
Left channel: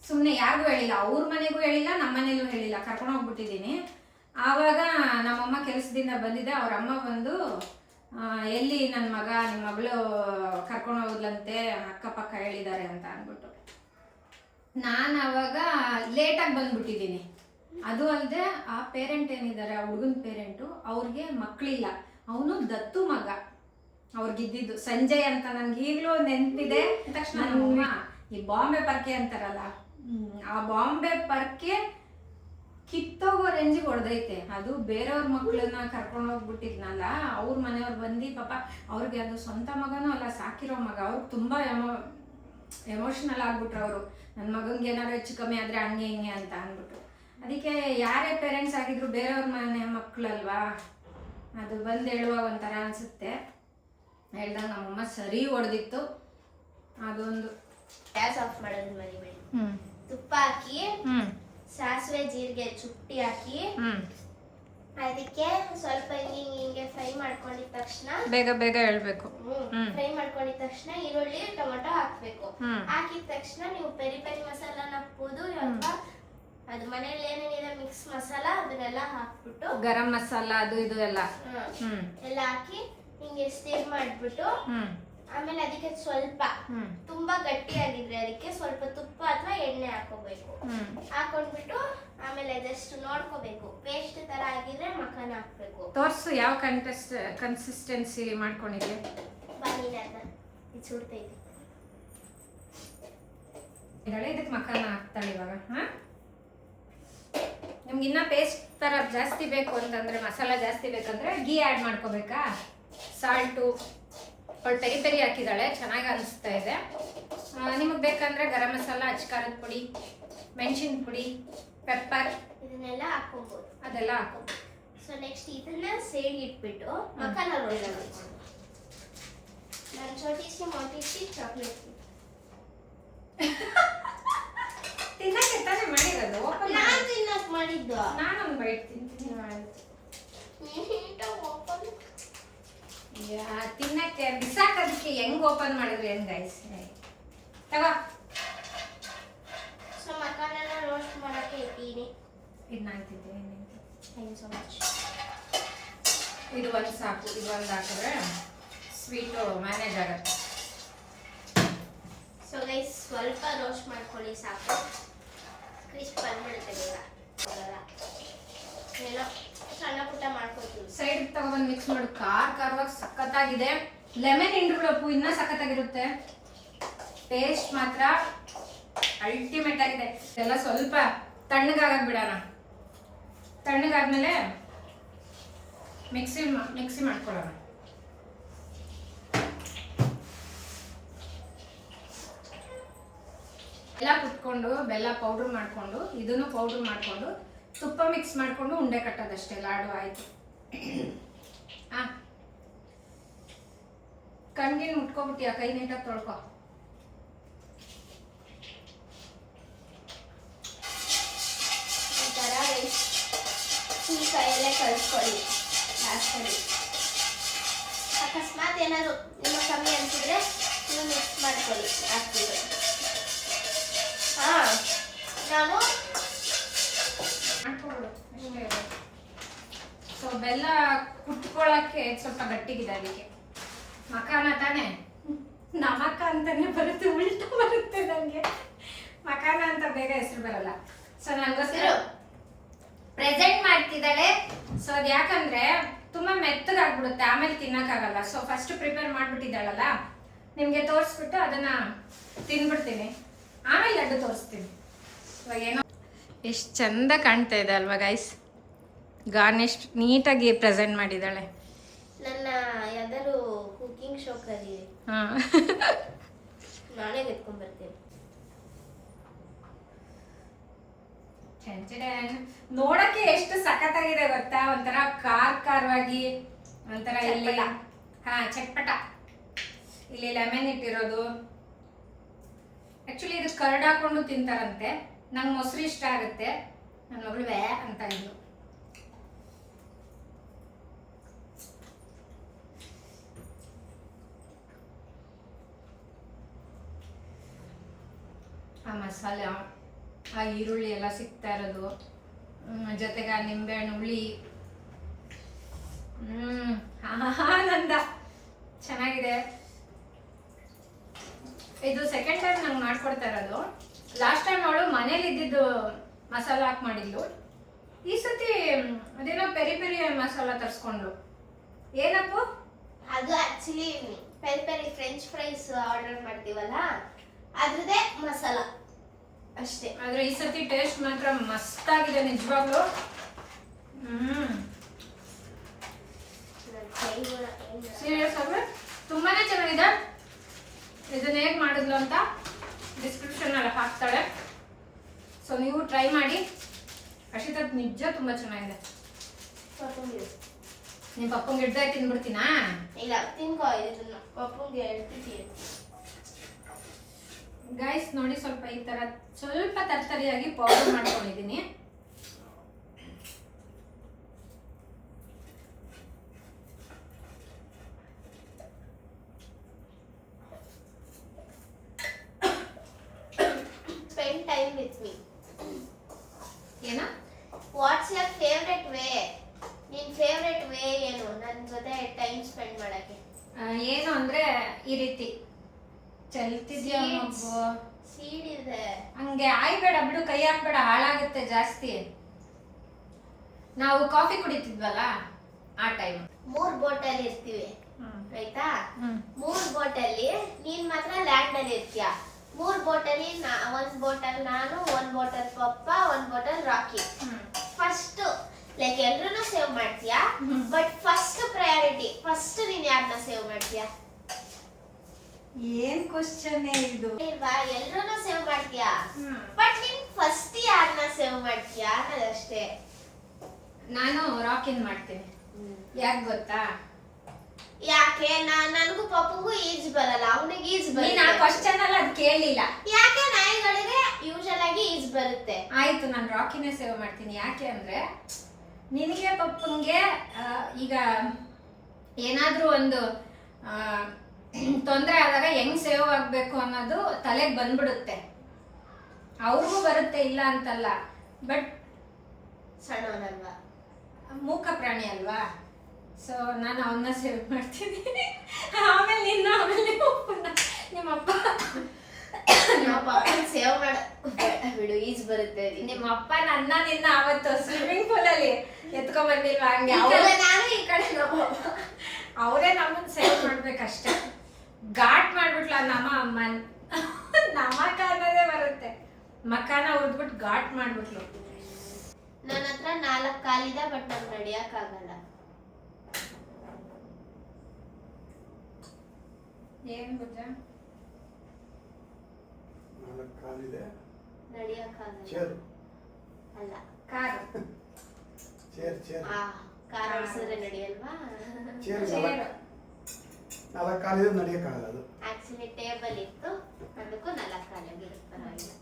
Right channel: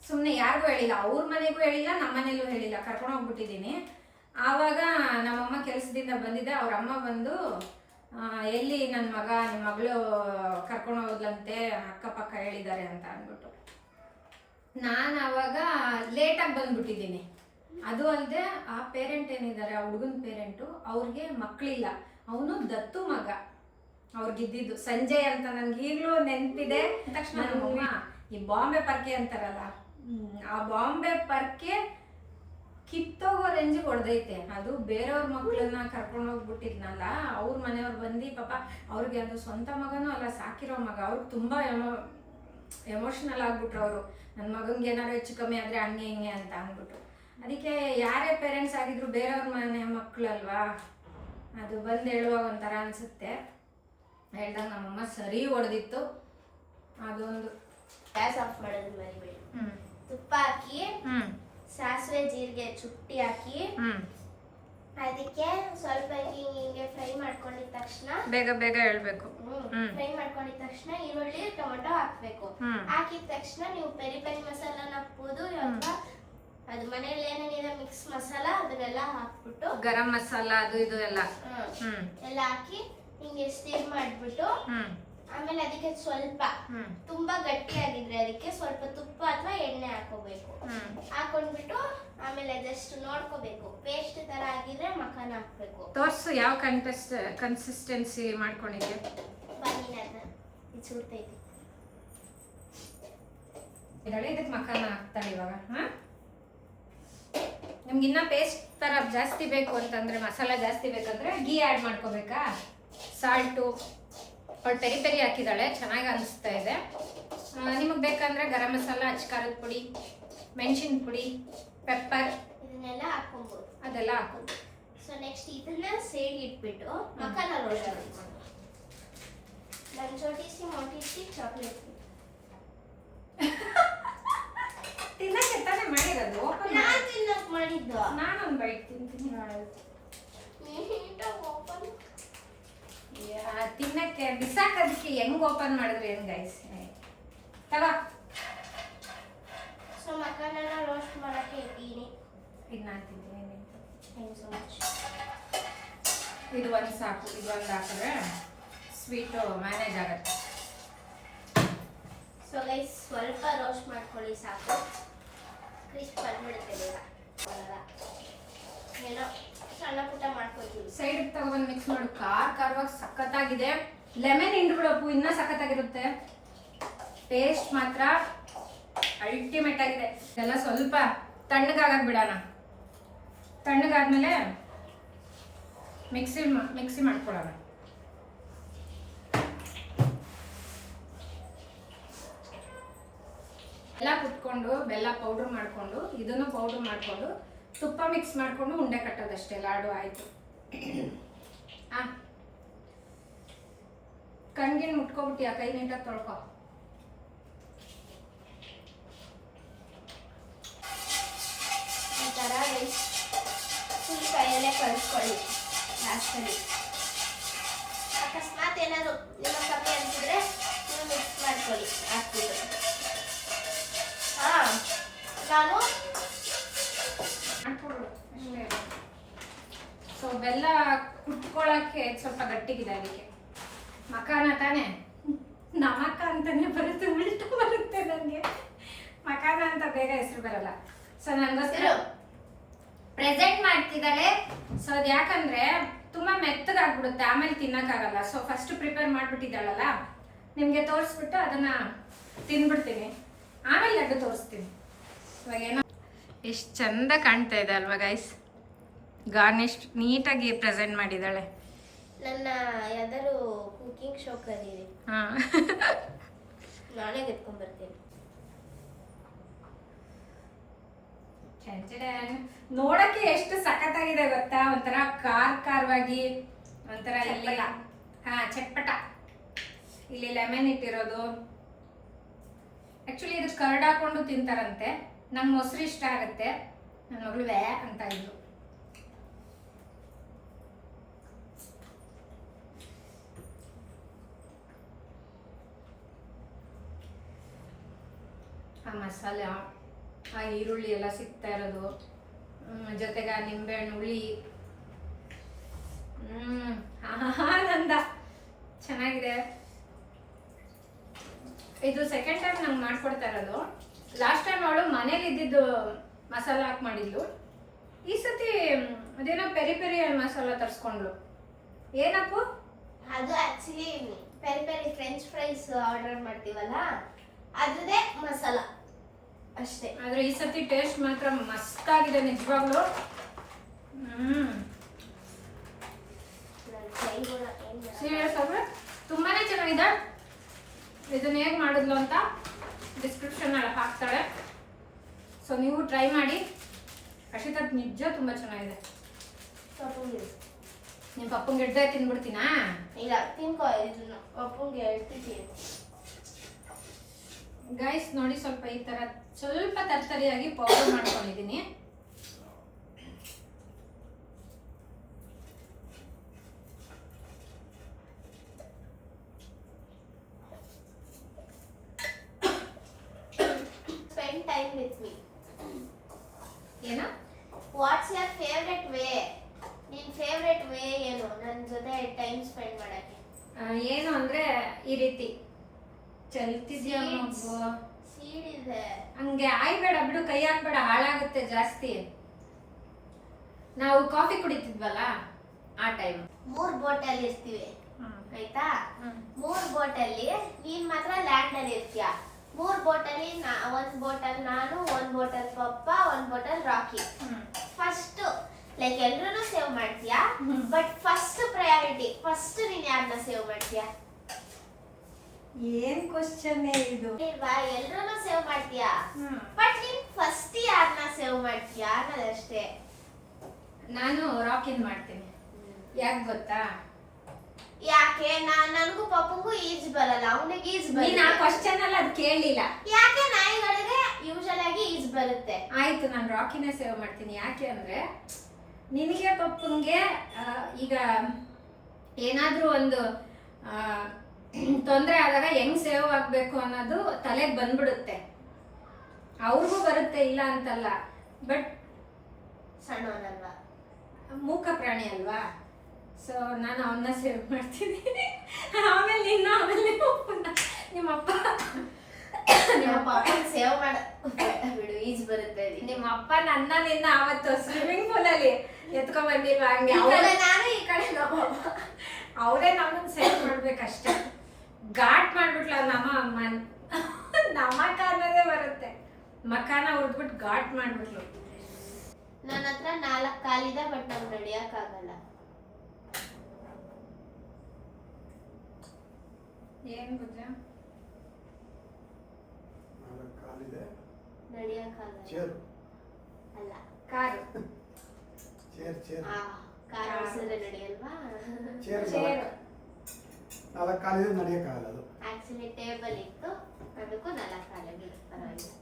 ಸುಮ್ಮನೆ ಯಾರಿಗೂ ಹೇಳಿಲ್ಲ, ಅವ್ರ ಮನೆಗೂ ಹೇಳಿಲ್ಲ, ನಮ್ಮ ಮನೇಲೂ ಹೇಳಿಲ್ಲ, ಕರ್ಕೊಂಡು ಹೋಗ್ಬಿಟ್ಟಿದ್ದೀನಿ. ಆವಾಗ ನಮ್ಮಮ್ಮ ಕೆಲಸದಿಂದ ಬಂದಿದ್ದೆ. ಅವ್ರ ಅಮ್ಮ ಬಂದು, ಎಲ್ಲಿ ನನ್ನ ಮಗ, ನಿಮ್ಮ ಮಗಳು ಕರ್ಕೊಂಡು ಹೋಗ್ಲಂತೆ, ಅಕ್ಕಪಕ್ಕ ಹೇಳಿದ್ದಾರೆ ಅಂತ ಅಂದ್ಬಿಟ್ಟು. ನಾನು ಅವಾಗ ಲೇಟಾಗಿ ಬಂದ್ಬಿಟ್ಟಿದ್ದೀನಿ. ಅದು ಅಲ್ಲದೆ ಆ ಪೇರೆಂಟ್ ಏನಿದ್ದಾರೆ, ಆ ಹುಡುಗನ ಪೇರೆಂಟು, ಅವ್ರಿಗೆ ಮಕ್ಕಳಿಲ್ಲ. ಅವನು ದತ್ತು ಮಗ ಅವ್ರಿಗಿದ್ದಿದ್ದು. ಸಂಜಯ್ ಅಂತ ನನ್ಗೆ ಈಗಲೂ ನೆನಪಿದೆ. ತಕ್ಷಣ ನಮ್ಮಮ್ಮ ಈ ಬಾಂಬೆ ಪರ್ಕೆ ಅಂತಾರಲ್ಲ, ಆ ಬಾಂಬೆ ಪರ್ಕೆ ಕಿತ್ತೋಗೋ ರೇಂಜಿಗೆ ಹೊಡೆದೈತೆ. ಅದು ಬೇರೆಯವ್ರ ಮಕ್ಕಳನ್ನ ಕರ್ಕೊಂಡು ಹೋಗ್ಬಿಟ್ಟಿದ್ನಲ್ಲ, ಅವ್ರ ಮನೆಯವ್ರು ಬಂದು ಪಾಪ ಅವ್ರಿಗೆ ಅದು ಸ್ವಂತ ಮಗನೂ ಅಲ್ಲ, ಸಾಕಿರೋ ಮಗ. ಅವ್ರಿಗೆ ತುಂಬ ಎಮೋಷ್ನಲ್ ಆಗ್ಬಿಟ್ರು ಅವರು. ನನ್ನ ಮಗಂಗೆ ಏನಾದ್ರು ಹೆಚ್ಚು ಕಮ್ಮಿ ಆದರೆ ಹಂಗೆ ಹಿಂಗೆ ಅಂತ ಅಂದ್ಬಿಟ್ಟು. ಅದಕ್ಕೆ ಯಾರೇ ಪೇರೆಂಟ್ಸ್ ಆಗಿದ್ರು ಬೇರೆಯವ್ರ ಮನೆ ಮಕ್ಕಳಲ್ವಾ, ಅದು ಬಂದು ಹೇಳುವಾಗ ಒಂಥರ ಅನಿಸುತ್ತೆ. ಹೇಳ್ದಾಗ ನಮ್ಮಮ್ಮ ಸರಿ ಹೊಡೆದಿತ್ತು. ಅದೊಂದು. ಗ್ಯಾಸ್ ಆಫ್ ಮಾಡೋದು ಮರಿಬೇಡಿ. ತುಪ್ಪ ಹಾಕಿ, ಸಾಸಿವೆ ಜೀರಿಗೆ ಚುಟ್ಟಿ ಹಾಕಿ, ಅದಕ್ಕೆ ಸ್ವಲ್ಪ ಹಿಂಗೆ ಫ್ರೈ ಮಾಡ್ಕೊಂಡಿದ ತಕ್ಷಣ ಬೇಗ ಬೇಗ ಹೇಳ್ಬೇಕು. ಫ್ರೈ ಮಾಡ್ಕೊಂಡಿದ ತಕ್ಷಣ ಈರುಳ್ಳಿ ಟೊಮೆಟೊ ಹಾಕ್ಬೇಕು. ಹಾಕಿದ ತಕ್ಷಣ ನೀವು ಪೆರಿ ಪೆರಿ ಮಸಾಲಾನ ಹಾಕ್ಬೋದು ಅಥವಾ ಅದು ಮನೇಲಿ ಏನೇನಿದೆ ಮಿಕ್ಸ್ ಮಸಾಲ ಅದನ್ನೆಲ್ಲ ಹಾಕ್ಬಿಟ್ಟು ಗರಂ ಮಸಾಲ ಅದು ಇದು ಎಲ್ಲ ಎಲ್ಲ ಹಾಕಿ ಹಿಂಗೆ ಸ್ಟಿರ್ ಮಾಡ್ಬಿಟ್ಟು ಆಮೇಲೆ ಅದಕ್ಕೆ ಸ್ವಲ್ಪ ತುಂಬಾ ಗಟ್ಟಿಯಾಗಿದ್ರೆ ಅದಕ್ಕೆ ಸ್ವಲ್ಪ ತುಪ್ಪ ಅಥವಾ ಎಣ್ಣೆ ಹಾಕೋಬೇಕು. ಹಾಕೊಂಡ್ಬಿಟ್ಟು ಆಮೇಲೆ ಜಸ್ಟ್ ನೋಡ್ಕೋಬೇಕು. ಪೇಸ್ಟ್ ತರ ಆಗಿದ್ರೆ ಮಖಾನ ಹಾಕ್ಬೇಕು. ತೋರ್ಸು ಯಾವ ಕನ್ಸಿಸ್ಟೆನ್ಸಿ ಮಾಡ್ಕೊಂಡಿದ್ದೆ. ಬನ್ನಿ ನನ್ನ ಇದು ಸುಡ್ತೈತಿ. ಇದಕ್ಕೆ ಮಖಾನ ಹಾಕ್ತಾಳೆ ಇವಾಗ. ನಿಮ್ಗೆ ಇನ್ನ ಪೇಸ್ಟ್ ತರ ಜಾಸ್ತಿ ಬೇಕು ಅಂತಂದ್ರೆ ಮಸಾಲ ಜಾಸ್ತಿ ಬೇಕಂದ್ರೆ ಗೀ ಆ್ಯಡ್ ಮಾಡ್ಕೋಬೇಕಾ. ಸಾಲ್ಟು ಅವಳು ಪೆರಿ ಪೆರಿ ಹಾಕಿದ್ದಾಳೆ, ಚೆನ್ನಾಗಿ ಅನಿಸ್ತಾ ಇದೆ. ನಿಮಗೆ ಬೇಕಂದ್ರೆ ಗರಂ ಮಸಾಲ, ಅಚ್ಕಾರದ ಪುಡಿ, ಮೆಣಸಿನ ಪುಡಿ, ಪೆಪ್ಪರ್ ಇದನ್ನೆಲ್ಲ ಹಾಕೊಬಹುದು. ಅದೆಲ್ಲ ಹಾಕೋದು. ಸೊ ನೆಕ್ಸ್ಟ್ ಇದನ್ನ ಸೇಡ್ ಇಟ್ಬಿಟ್ಟು ಮಖಾನ ರೋಲ್ ಮಾಡ್ಕೊಂಡು ನಾನು ಚೋಟಿಸಿ ಮೊಟಿಸಿ ಚಾಕ್ಲೇಟ್ ತಿನ್ನಕ್ಕೆ ತಾನೇ ಮಾಡಿರೋದು. ಓಪನ್ ನಾನು ತಿನ್ನಕ್ ಮಾಡಿದ್ದು. ನಾನೊಂದು ಬೈಟ್ ತಿಂತೀನಿ. ಓಪನ್ ತಿನ್ನಕ್ಕೆ ಬಿಸಾಕೋದಕ್ಕೆ ಹೆಂಗ್ ಓಪನ್ ಮಾಡಿದ್ರಿ ಹೆಂಗ್ ಗೈಸ್ ತಗ. ಸೊ ಮಖಾನನ ರೋಸ್ಟ್ ಮಾಡಕ್ಕೆ ಇಟ್ಟಿನಿ. ಇದು ನಾನು ತಿಂತೀನಿ. Thank so much. ಇದು ಒಂದು ಸಾಕು. ಇದು ಒಂದು ಹಾಕಿದ್ರೆ ಸ್ವೀಟು ಮ್ಯಾನೇಜ್ ಆಗುತ್ತೆ. ಸೊ ಗೈಸ್ ಸ್ವಲ್ಪ ರೋಸ್ಟ್ ಮಾಡ್ಕೊಳ್ಳಿ ಸಾಕು. ಕ್ರಿಸ್ಪ್ ಬಂದ್ಬಿಡುತ್ತೆ ಬೇಗ. ಬರಲ್ಲ ಏನೋ ಸಣ್ಣ ಪುಟ್ಟ ಮಾಡ್ಕೊತೀವಿ. ಸೈಡ್ ತಗೊಂಡ್ಬಂದು ಮಿಕ್ಸ್ ಮಾಡು. ಖಾರವಾಗಿ ಸಖತ್ತಾಗಿದೆ. ಲೆಮನ್ ಹಿಂಡ್ಬಿಡಪ್ಪು ಇನ್ನೂ ಸಖತ್ತಾಗಿರುತ್ತೆ. ಟೇಸ್ಟ್ ಮಾತ್ರ ಅಲ್ಟಿಮೇಟ್ ಆಗಿದೆ. ಎಲ್ಲ ಸ್ವಲ್ಪ ತಣ್ಣಗಾಗಕ್ಕೆ ಬಿಡೋಣ. ತಣ್ಣಗಾದ್ಮೇಲೆ ಮಿಕ್ಸಿ ಮಾಡ್ಕೊಳ್ಳೋಣ. ಎಲ್ಲ ಕುಟ್ಕೊಂಡು ಬೆಲ್ಲ ಪೌಡ್ರ್ ಮಾಡಿಕೊಂಡು ಇದನ್ನು ಪೌಡ್ರ್ ಮಾಡಿಕೊಂಡು ತುಪ್ಪ ಮಿಕ್ಸ್ ಮಾಡಿಕೊಂಡು ಉಂಡೆ ಕಟ್ಟೋದಷ್ಟೇ. ಲಾಡು ಆಯಿತು. ಕಣ್ಗಿನ್ ಮುಟ್ಕೊಬಿಟ್ಟಿಯಾ? ಕೈ ನೀಟಾಗಿ ತೊಳ್ಕೊ. ಈ ಥರ ರೈಸ್ ಫುಲ್ ಕೈಯಲ್ಲೇ ಕಳಿಸ್ಕೊಳ್ಳಿ ಲಾಸ್ಟಲ್ಲಿ. ಅಕಸ್ಮಾತ್ ಏನಾದ್ರು ನಿಮಗೆ ಕಮ್ಮಿ ಅನಿಸಿದ್ರೆ ನೀವು ಮಿಕ್ಸ್ ಮಾಡ್ಕೊಳ್ಳಿ ಹಾಕ್ಬಿಟ್ಟು. ನಾನು ಸೊ ಬೆಲ್ಲ ಕುಟ್ಕೊಳ್ಳೋಕ್ಕೆ ಸ್ವಲ್ಪ ಗಟ್ಟಿಗಿದೆ. ಅದಕ್ಕೆ ಮಖಾನ ತಾನೇ, ನಮಕ ಅಂತಾನೆ ಬರುತ್ತೆ, ಉಲ್ಟು ಬರುತ್ತೆ ನನಗೆ. ಮಖಾನ ಅಂತ ಬೇಗ ಹೆಸರು ಬರಲ್ಲ. ಸೊ ನನಗೋಸ್ಕರ ಪ್ರೆಸೆಂಟ್ ಮಾಡ್ತಿದ್ದಾಳೆ. ಸೊ ಅದು ಯಾಕಂದ್ರೆ ತುಂಬಾ ಮೆತ್ತಗಾಗ್ಬಿಡುತ್ತೆ, ಆಮೇಲೆ ತಿನ್ನಕ್ಕಾಗಲ್ಲ. ಸೊ ಫಸ್ಟ್ ಪ್ರಿಪೇರ್ ಮಾಡ್ಬಿಟ್ಟಿದ್ದಾಳಲ್ಲ, ನಿಮ್ಗೆ ತೋರಿಸ್ಬಿಟ್ಟು ಅದನ್ನ ತಿನ್ಬಿಡ್ತೀನಿ, ಆಮೇಲೆ ಲಡ್ಡು ತೋರಿಸ್ತೀನಿ. ಇವಾಗ ಏನೋ ಎಷ್ಟು ಚಂದ ಕಾಣ್ತಾ ಇದೆ ಅಲ್ವಾ ಗೈಸ್. ಗಾರ್ನಿಶ್ ನೀಟಾಗಿ ಪ್ರೆಸೆಂಟ್ ಮಾಡಿದ್ದಾಳೆ. ನನ್ನ ಯಾವ್ದಾದ್ರು ಕುಕಿಂಗ್ ಶೋ ಕರೀರಿ, ನಾನೇ ಎತ್ಕೊಂಡ್ಬರ್ತೀನಿ. ನೋಡಕ್ಕೆ ಎಷ್ಟು ಸಖತ್ತಾಗಿದೆ ಗೊತ್ತಾ. ಒಂಥರ ಖಾರವಾಗಿ, ಒಂಥರ ಇಲ್ಲಿ ಚಟ್ಪಟ. ಇಲ್ಲಿ ಲೆಮನ್ ಇಟ್ಟಿರೋದು. ಆಕ್ಚುಲಿ ಇದು ಕರ್ಡ್ ಹಾಕೊಂಡು ತಿಂತಾರಂತೆ. ನಂಗೆ ಮೊಸರು ಇಷ್ಟ ಆಗುತ್ತೆ. ನನ್ನ ಮಗಳು ವ್ಯಾ ಅಂತ ಇದ್ರು. ಆ ಮಸಾಲೆ, ಆ ಈರುಳ್ಳಿ ಎಲ್ಲ ಸಿಗ್ತಾ ಇರೋದು, ಜೊತೆಗೆ ಆ ನಿಂಬೆಹಣ್ಣು ಹುಳಿ, ಆನಂದ. ಚೆನ್ನಾಗಿದೆ. ಇದು ಸೆಕೆಂಡ್ ಟೈಮ್ ನಂಗೆ ಮಾಡ್ಕೊಡ್ತಾ ಇರೋದು. ಲಾಸ್ಟ್ ಟೈಮ್ ಅವಳು ಮನೇಲಿ ಇದ್ದಿದ್ದು ಮಸಾಲ ಹಾಕಿ ಮಾಡಿದ್ಲು. ಈ ಸತಿ ಅದೇನೋ ಪೆರಿ ಪೆರಿ ಮಸಾಲ ತರಿಸ್ಕೊಂಡ್ಲು. ಏನಪ್ಪು ಅದು? Actually peri peri French fries order ಮಾಡ್ತೀವಲ್ಲ ಅದ್ರದೇ ಮಸಾಲ ಅಷ್ಟೇ. ಆದ್ರೆ ಈ ಸತಿ ಟೇಸ್ಟ್ ಮಾತ್ರ ಮಸ್ತಾಗಿದೆ ನಿಜವಾಗ್ಲು. ಸೀರಿಯಸ್ ಆಗಿ ತುಂಬಾನೇ ಚೆನ್ನಾಗಿದೆ. ಇದನ್ನ ಹೇಗೆ ಮಾಡಿದ್ಲು ಅಂತ ಡಿಸ್ಕ್ರಿಪ್ಷನ್ ಅಲ್ಲಿ ಹಾಕ್ತಾಳೆ. ಸೊ ನೀವು ಟ್ರೈ ಮಾಡಿ. ಅಕ್ಷಿತಾ ನಿಜ ತುಂಬಾ ಚೆನ್ನಾಗಿದೆ. ನಿಮ್ಮ ಪಪ್ಪಂಗೆ ಹಿಡ್ದೆ ತಿನ್ಬಿಡ್ತೀನಾ? ಇಲ್ಲ, ತಿನ್ಕೋ. ಇದನ್ನ ಪಪ್ಪಂಗೆ ಹೇಳ್ತಿದ್ದೀನಿ. ಗೈಸ್ ನೋಡಿ, ಸ್ವಲ್ಪ ಈ ತರ ಸ್ವಲ್ಪ ತರ್ತರಿಯಾಗಿ ಪೌಡರ್ ಮಾಡ್ಕೊಂಡಿದ್ದೀನಿ. Favourite way? ನಿನ್ ಫೇವ್ರೆಟ್ ವೇ ಏನು ನನ್ನ ಜೊತೆ ಟೈಮ್ ಸ್ಪೆಂಡ್ ಮಾಡಕ್ಕೆ? ಏನು ಅಂದ್ರೆ ಈ ರೀತಿ ಚಲ್ತಿದ್ಯಾ ಸೀಡ್ ಇದೆ. ಹಂಗೆ ಆಯ್ಬೇಡ ಬಿಡು, ಕೈ ಹಾಕ್ಬೇಡ, ಹಾಳಾಗುತ್ತೆ ಜಾಸ್ತಿ. ನಾವು ಕಾಫಿ ಕುಡಿತಿದ್ವಲ್ಲ ಆ ಟೈಮ್ 3 ಬಾಟಲ್ ಇರ್ತೀವಿ ಆಯ್ತಾ? 3 ಬಾಟಲ್ಲಿ ನೀನ್ ಮಾತ್ರ ಲ್ಯಾಂಡ್ ಅಲ್ಲಿ ಇರ್ತೀಯ. 3 ಬಾಟಲಿ 1 ಬಾಟಲ್ ನಾನು, 1 ಬಾಟಲ್ ಪಪ್ಪ, 1 ಬಾಟಲ್ ರಾಕಿ. ಫಸ್ಟ್ ಲೈಕ್ ಎಲ್ರನ್ನೂ ಸೇವ್ ಮಾಡ್ತೀಯಾ, ಬಟ್ ಫಸ್ಟ್ ಪ್ರಯಾರಿಟಿ ಫಸ್ಟ್ ನೀನ್ ಯಾರನ್ನ ಸೇವ್ ಮಾಡ್ತೀಯಾ? ಏನ್ ಕ್ವಶನ್ ಇದು? ಇಲ್ವಾ, ಎಲ್ರನ್ನೂ ಸೇವ್ ಮಾಡ್ತೀಯಾ, ಬಟ್ ನೀನ್ ಫಸ್ಟ್ ಯಾರನ್ನ ಸೇವ್ ಮಾಡ್ತೀಯಾ ಅನ್ನೋದಷ್ಟೇ. ನಾನು ರಾಕಿನ್ ಮಾಡ್ತೀನಿ. ಯಾಕೆ ಗೊತ್ತಾ? ಯಾಕೆ? ನನಗೂ ಪಪ್ಪಂಗೂ ಈಜ್ ಬರಲ್ಲ, ಅವನಿಗೆ ಈಜ್ ನೀನ್ ಆ ಕ್ವಶನ್ ಅಲ್ಲ ಅದ್ ಕೇಳಲಿಲ್ಲ. ಯಾಕೆ? ನಾಯಿಗಳಿಗೆ ಯೂಶಲ್ ಆಗಿ ಈಜ್ ಬರುತ್ತೆ. ಆಯ್ತು, ನಾನು ರಾಕಿನೇ ಸೇವ್ ಮಾಡ್ತೀನಿ. ಯಾಕೆ ಅಂದ್ರೆ ನಿನಗೆ ಪಪ್ಪಂಗೆ ಈಗ ಏನಾದ್ರೂ ಒಂದು ತೊಂದರೆ ಆದಾಗ ಹೆಂಗ್ ಸೇವ್ ಆಗ್ಬೇಕು ಅನ್ನೋದು ತಲೆಗೆ ಬಂದ್ಬಿಡುತ್ತೆ. ಅವ್ರಿಗೂ ಬರುತ್ತೆ, ಇಲ್ಲ ಅಂತಲ್ಲ, ಬಟ್ ಸಣ್ಣವನಲ್ವಾ, ಮೂಕ ಪ್ರಾಣಿ ಅಲ್ವಾ. ಸೊ ನಾನು ಅವನ್ನ ಸೇವ್ ಮಾಡ್ತೀನಿ. ಆಮೇಲೆ ನಿನ್ನ, ಆಮೇಲೆ ನಿಮ್ಮಪ್ಪ ಸೇವ್ ಮಾಡ ಬಿಡು, ಈಜ್ ಬರುತ್ತೆ. ನಿಮ್ಮಪ್ಪ ನನ್ನ ನಿನ್ನ ಅವತ್ತು ಸ್ವಿಮ್ಮಿಂಗ್ ಪೂಲ್ ಅಲ್ಲಿ ಎತ್ಕೊಂಡ್ ಬಂದಿಲ್ವಾ? ಹಂಗೆ ನಾನು ಈ ಕಡೆ ಅವರೇ ನಮ್ಮನ್ನ ಸೇವ್ ಮಾಡ್ಬೇಕಷ್ಟೇ. ಘಾಟ್ ಮಾಡ್ಬಿಟ್ಲ ನಮ್ಮ ಅಮ್ಮನ್, ನಮಕ ಅನ್ನೋದೇ ಬರುತ್ತೆ. ಮಕಾನ ಉರ್ದ್ಬಿಟ್ಟು ಘಾಟ್ ಮಾಡ್ಬಿಟ್ಲು. ನನ್ನ ಹತ್ರ 4 ಕಾಲಿದೆ, ಬಟ್ ನಂಗೆ ನಡಿಯಕ್ ಆಗಲ್ಲ. ಏನ್ ಭುಜ? 4 ಕಾಲಿದೆ, ನಡಿಯಕ್ ಆಗಲ್ಲ. ಚೇರ್ ಅಲ್ಲ, ಕಾರು. ಚೇರ್ ಕಾರ್ ಓಡಿಸಿದ್ರೆ ನಡಿಯಲ್ವಾ? Chair chair. 4 ಕಾಲಿದೆ, ನಡೆಯಕ್ಕಾಗಲ್ಲ ಅದು. ಆಕ್ಚುಲಿ ಟೇಬಲ್ ಇತ್ತು, ಅದಕ್ಕೂ 4 ಕಾಲಾಗಿದೆ, ಪರವಾಗಿಲ್ಲ.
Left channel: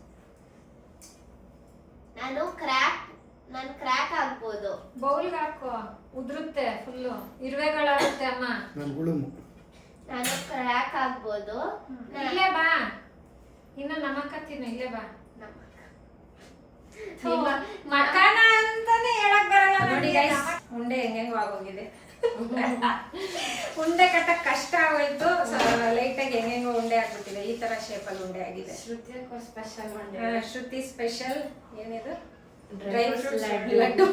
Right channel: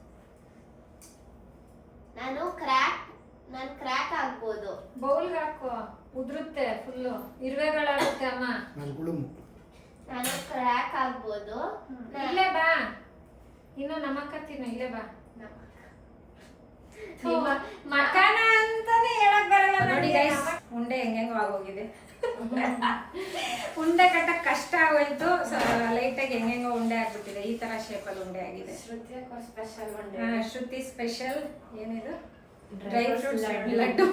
ನಾನು ಕ್ರ್ಯಾಕ್ ಆಗ್ಬೋದು. ಬೌಲ್ಗೆ ಹಾಕೋ, ಉದುರುತ್ತೆ ಫುಲ್ಲು, ಇರುವೆಗಳಾಗುತ್ತೆ ಅಮ್ಮ. ನಾನು ಗುಳುಮು. ನಾನು ಕ್ರ್ಯಾಕ್ ಆಗ್ಬೋದು. ಇಲ್ಲೇ ಬಾ, ಇನ್ನು ನಮಕ್ಕ ತಿನ್ನು, ಇಲ್ಲೇ ಬಾ. ಮಕಾನ ಅಂತಾನೆ ಹೇಳಕ್ ಬರಲ್ಲ ನೋಡಿ ಗೈಸ್. ಉಂಡೆ ಹೆಂಗೆಂಗೋ ಆಗೋಗಿದೆ. ಉಂಡೆ ಕಟ್ಟಕ್ ಕಷ್ಟ ಆಗೋಯ್ತು. ಲೈಟಾಗಿ ಹೆಂಗೆಂಗೋ ಉಂಡೆ ಆಗ್ಬಿಟ್ಟಿದೆ. ಈ ತರ ಶೇಪಲ್ಲಿ ಉಂಡೆ ಆಗಿದೆ. ಶ್ರುತಿ ಸ್ಪೆಷಲ್ ಏನಿದು? Dry fruits laddu.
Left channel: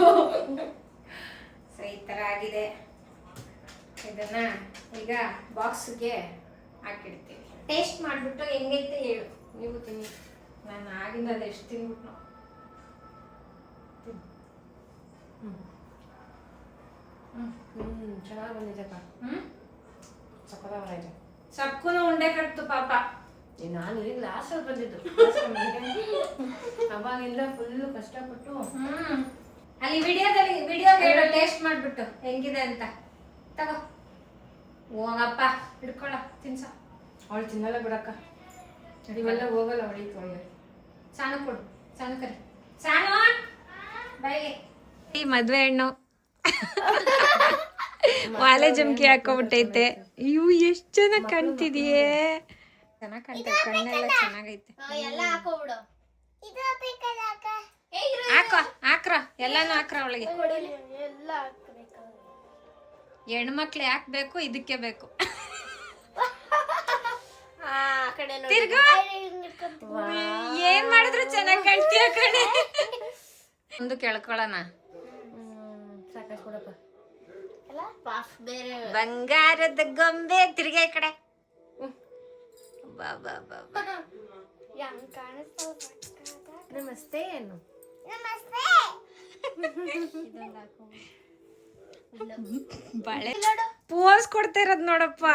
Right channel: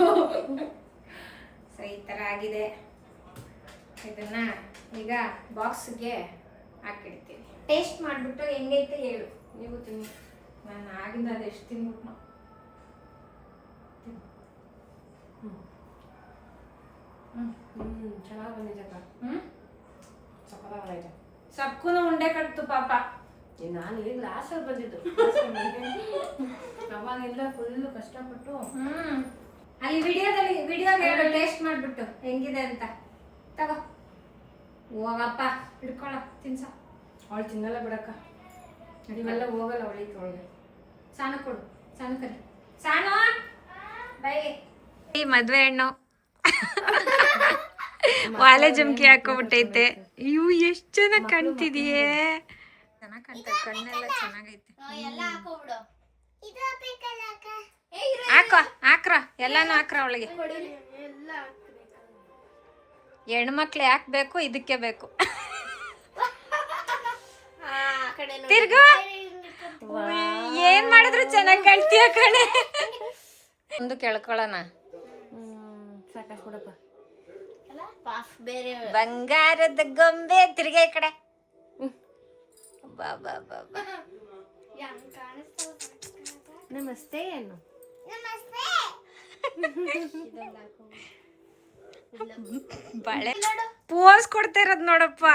ಸೊ ಈ ತರ ಆಗಿದೆ. ಇದನ್ನ ಈಗ ಬಾಕ್ಸ್ಗೆ ಹಾಕಿಡ್ತೀವಿ. ಟೇಸ್ಟ್ ಮಾಡ್ಬಿಟ್ಟು ಹೆಂಗೈತೆ ಹೇಳು. ನೀವು ತಿನ್ನಿ. ನಾನು ಆಗಿಂದ ಅದು ಎಷ್ಟು ತಿನ್ಬಿಟ್ಟು ಚೆನ್ನಾಗಿ ಬಂದಿದೆ ಅಕ್ಕ. ಸಕ್ಕತ್ತಾಗಿದೆ. ಸಬ್ಕೂನು ಉಂಡೆ ಕಟ್ತು ಪಾಪ. ನಾನು ಈಗ ಲಾಸ್ಟಲ್ಲಿ ಬಂದಿದ್ದು. ಅವಾಗಿಂದ ಫುಲ್ಲು ಕಷ್ಟಪಟ್ಟು. ಅಲ್ಲಿ ವಿಡಿಯೋದಲ್ಲಿ ಹೇಳು ಟೇಸ್ಟ್ ಮಾಡ್ಬಿಟ್ಟು ಹೆಂಗಿದೆ ಅಂತ. ತಗೋ ಹೋಗಪ್ಪ, ಹಿಡ್ಕೊಳ, ತಿನ್ಸ. ಅವಳು ತಿನ್ನಲ್ಲ ಬಿಡಕ್ಕ, ಇವೆಲ್ಲ ಹೋಗಲ್ಲ ಅವಳಿಗೆ ತೊಗೊಂಡೆ. ಸಾನು ಕೊಡು, ಸಾನು ಕರಿ. ಸಾನು ಬಾಯಿಗೆ. ಈ ಮದ್ವೆ ಹೆಣ್ಣು ವಾಲೆ ಜಮ್ಕಿ ಹಾಕೋಬಿಟ್ಟೈತೆ. ಇವು ಎಷ್ಟು ಚೆನ್ನಾಗಿ ಕಾಣ್ತಿದೆಯೇ. ಚೆನ್ನಾಗಿ ಕಾಣ್ತದೆ, ಕಣ್ಣೆಲ್ಲ ಚೆನ್ನಾಗೈತೆ. ಎಲ್ಲ ಹಾಕೋಬಿಡು. ಹಾಕೋ, ಹಾಕ್ರ, ಎಲ್ಲಾನು ಹಾಕ್ರ ಅವಳಿಗೆ. ಹೆಣ್ಮಕ್ಳು ಯಾಕೆ ಬೇಕು? ಇದಕ್ಕೆ ಬೇಕು. ತಿರ್ಗು, ಏನ್ ಮಾಡಿದ್ರು ಚೆನ್ನಾಗಿ ಕಾಣ್ತೀಯ ಕಣೆ. ಒಂದು ಕೇಳ್ಕೊಳ್ಳೋಣ. ಸಾಕಾಗ್ಬಿಡಪ್ಪ. ಬೇರೆ ಬಂಗಾರದ ಗೊಂಬೆ. ತಿರ್ಗ ಈ ಕಡೆ. ಬಾ ಬಾ ಬಾ ಬಾ. ನಮಸ್ತೆ ಏನು? ಬಳೆ ಪೋಸ್ ಕೊಡ್ತಾ ಇರೋದ್ ನೋಡಪ್ಪ.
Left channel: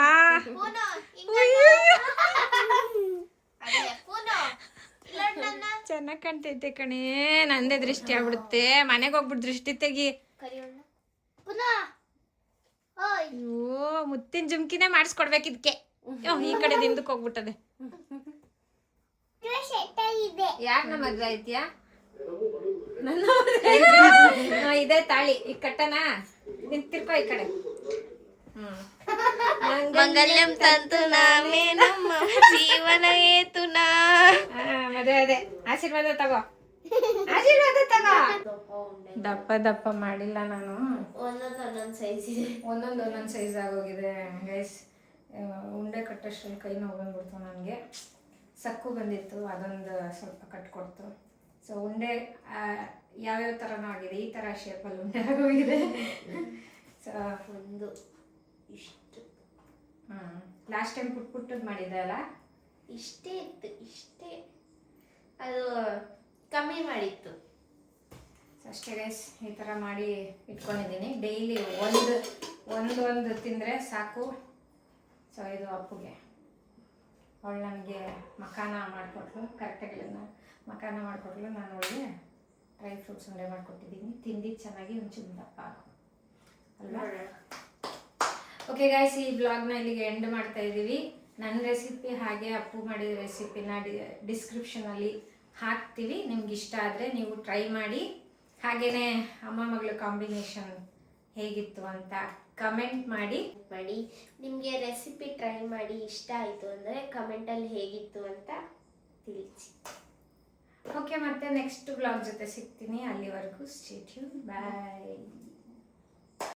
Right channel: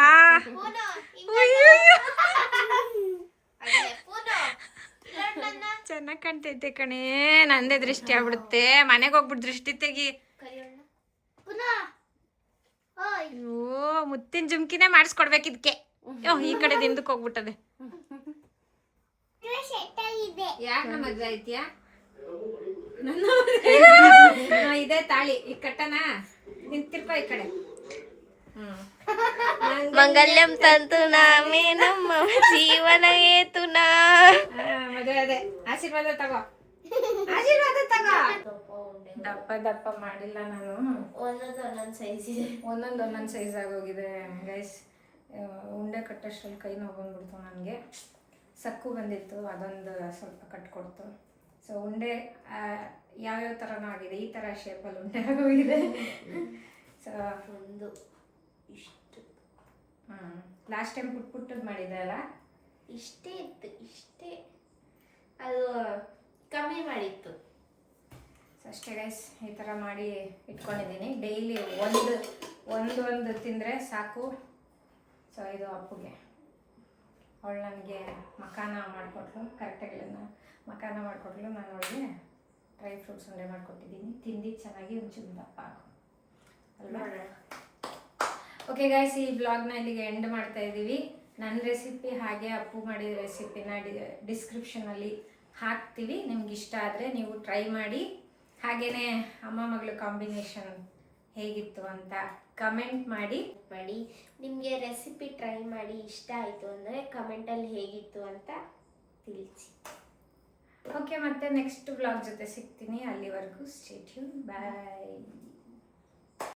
ಚೆನ್ನಾಗ್ ಕಾಣ್ತೈತೆ ಕಣೆ. ನಂದೇ ದೃಷ್ಟಿ ಆಗ್ಬಿಡುತ್ತೆ. ಮನೆಗೆ ಹೋಗ್ಬಿಟ್ಟು ದೃಷ್ಟಿ ತೆಗಿ. ಅಯ್ಯೋ, ಮುತ್ತಿನ ಜುಮ್ಕಿನೇ ಮಾಡಿಸ್ಕೊಡ್ಬೇಕು ಇದಕ್ಕೆ. ಈ ಕಡೆ ಹಿಂದಕ್ಕೆ ಹೋಗ್ಬಿಟ್ಟದೆ. ಯಾರನ್ನ ಮದ್ವೆ ಐತಿಯಾ? ಇದೇ ತಾಳಿ ಈಗ ಕಟ್ಟನ. ನಿಂತಿರ್ಕೋ ಈ ಕಡೆ. ಮಂಗಲ್ಯಂ ತಂತು ನಾಮೇ ನಮ್ಮ ಜೀವನ ಏತುನಾ. ಮದುವೆ ಅದೇ ಆಶೀರ್ವಾದ ತಗೋ. ಆಶೀರ್ವಾದ ತಗೋ. ದಪ್ಪ ಉಂಡೆ ದಪ್ಪ ದಪ್ಪ ಮಾಡಿಲ್ಲ ನಾನು, ಒಂದೊಂದು ಸೈಜ್ ಇದೆ. ಒಂದೊಂದು ಸೈಜ್ ಆಗೋಗಿದೆ ಗೈಸ್. ಉಂಡೆ ಕಟ್ಟೋಷ್ಟ್ರಲ್ಲಿ ಕೈ ನೋವು ಬಂದ್ಬಿಡ್ತು ನನಗೆ. ಸಕ್ಕು ಬಂದಿತ್ತು, ಅದೊಂದು ಸ್ವಲ್ಪ ಕಟ್ಕೊಡ್ತು. ಸೊ ಉಂಡೆ ಯಾವ್ಯಾವ ಥರನೂ ಆಗಿದೆ, ಈ ಥರ ಶೇಪಲ್ಲಿ ಉಂಡೆ ಆಗೋಗಿದೆ. ಸೊ ಒಂದು ಇಷ್ಟು ಲಾಸ್ಟ್ ಟೈಮ್ ಪುಟ್ಟದ್ದು ಮಾಡಿದ್ದೆ ಅಲ್ಲ, ಇಷ್ಟೇ ಇತ್ತು, ಇಷ್ಟೇ. ಅದು ಕಮ್ಮಿ ಮಾಡಿತ್ತು. ಸೊ ಅಷ್ಟೇ ಗೈಸ್, ಈ ಥರ ಮಾಡಿ ಇಟ್ಕೊಂಡಿದ್ದೀನಿ. ಡೈಲಿ ಒಂದು ತಿಂದರೆ ಸಾಕು. ಸೊ ಇದು ಅಪ್ಪುಗೆ, ಅವಳು ನನಗೆ ಮಖಾನ ಮಾಡಿಕೊಟ್ಲು, ಕರೆಕ್ಟಾಗಿ ಮಖಾನ ಮಾಡಿಕೊಟ್ಲು. ನಾನು ಅವಳಿಗೆ ಡ್ರೈ ಫ್ರೂಟ್ಸ್ ಉಂಡೆ ಮಾಡಿಕೊಟ್ಟಿದ್ದೀನಿ. ತಿಂದಿದ್ದು ಚೆನ್ನಾಗಿ ಒಂಚೂರು ದಪ್ಪ ಆಗು ಅಲ್ವಾ? ಓಕೆ ಗೈಸ್, ಈ ವ್ಲಾಗ್ನ ಇಲ್ಲಿಗೆ ಎಂಡ್ ಮಾಡ್ತಾ ಇದ್ದೀವಿ. ನನ್ನ ರೆಸಿಪಿ ಹಾಗೆ ಅಪ್ಪು ಮಾಡಿದ ರೆಸಿಪಿನ ಡಿಸ್ಕ್ರಿಪ್ಷನಲ್ಲಿ ಹಾಕ್ತೀವಿ. ನಿಮ್ಗೆ ಇಷ್ಟ ಆದರೆ ನೀವು ಟ್ರೈ ಮಾಡಿ. ಹಾಗೆಯೇ ಅಮ್ಮ ಮಗಳು ಕಾಂಬಿನೇಷನ್ ಹೇಗಿತ್ತು ಅಂತ ಕಮೆಂಟ್ ಮಾಡಿ. ನಿಮಗೆ ರೆಸಿಪಿ ಟ್ರೈ ಮಾಡಿ ಇಷ್ಟ ಆಯಿತು ಅಂದರೆ ಕಮೆಂಟಲ್ಲಿ ಹೇಗಿತ್ತು ಅಂತ ತಿಳಿಸಿ. ಓಕೆ, ಮತ್ತೆ ನೆಕ್ಸ್ಟ್ ವ್ಲಾಗ್ ಜೊತೆ ಸಿಗ್ತೀನಿ. ಅಲ್ಲಿವರೆಗೂ ಸ್ಟೇ ಟ್ಯೂನ್, ಬಾಯ್.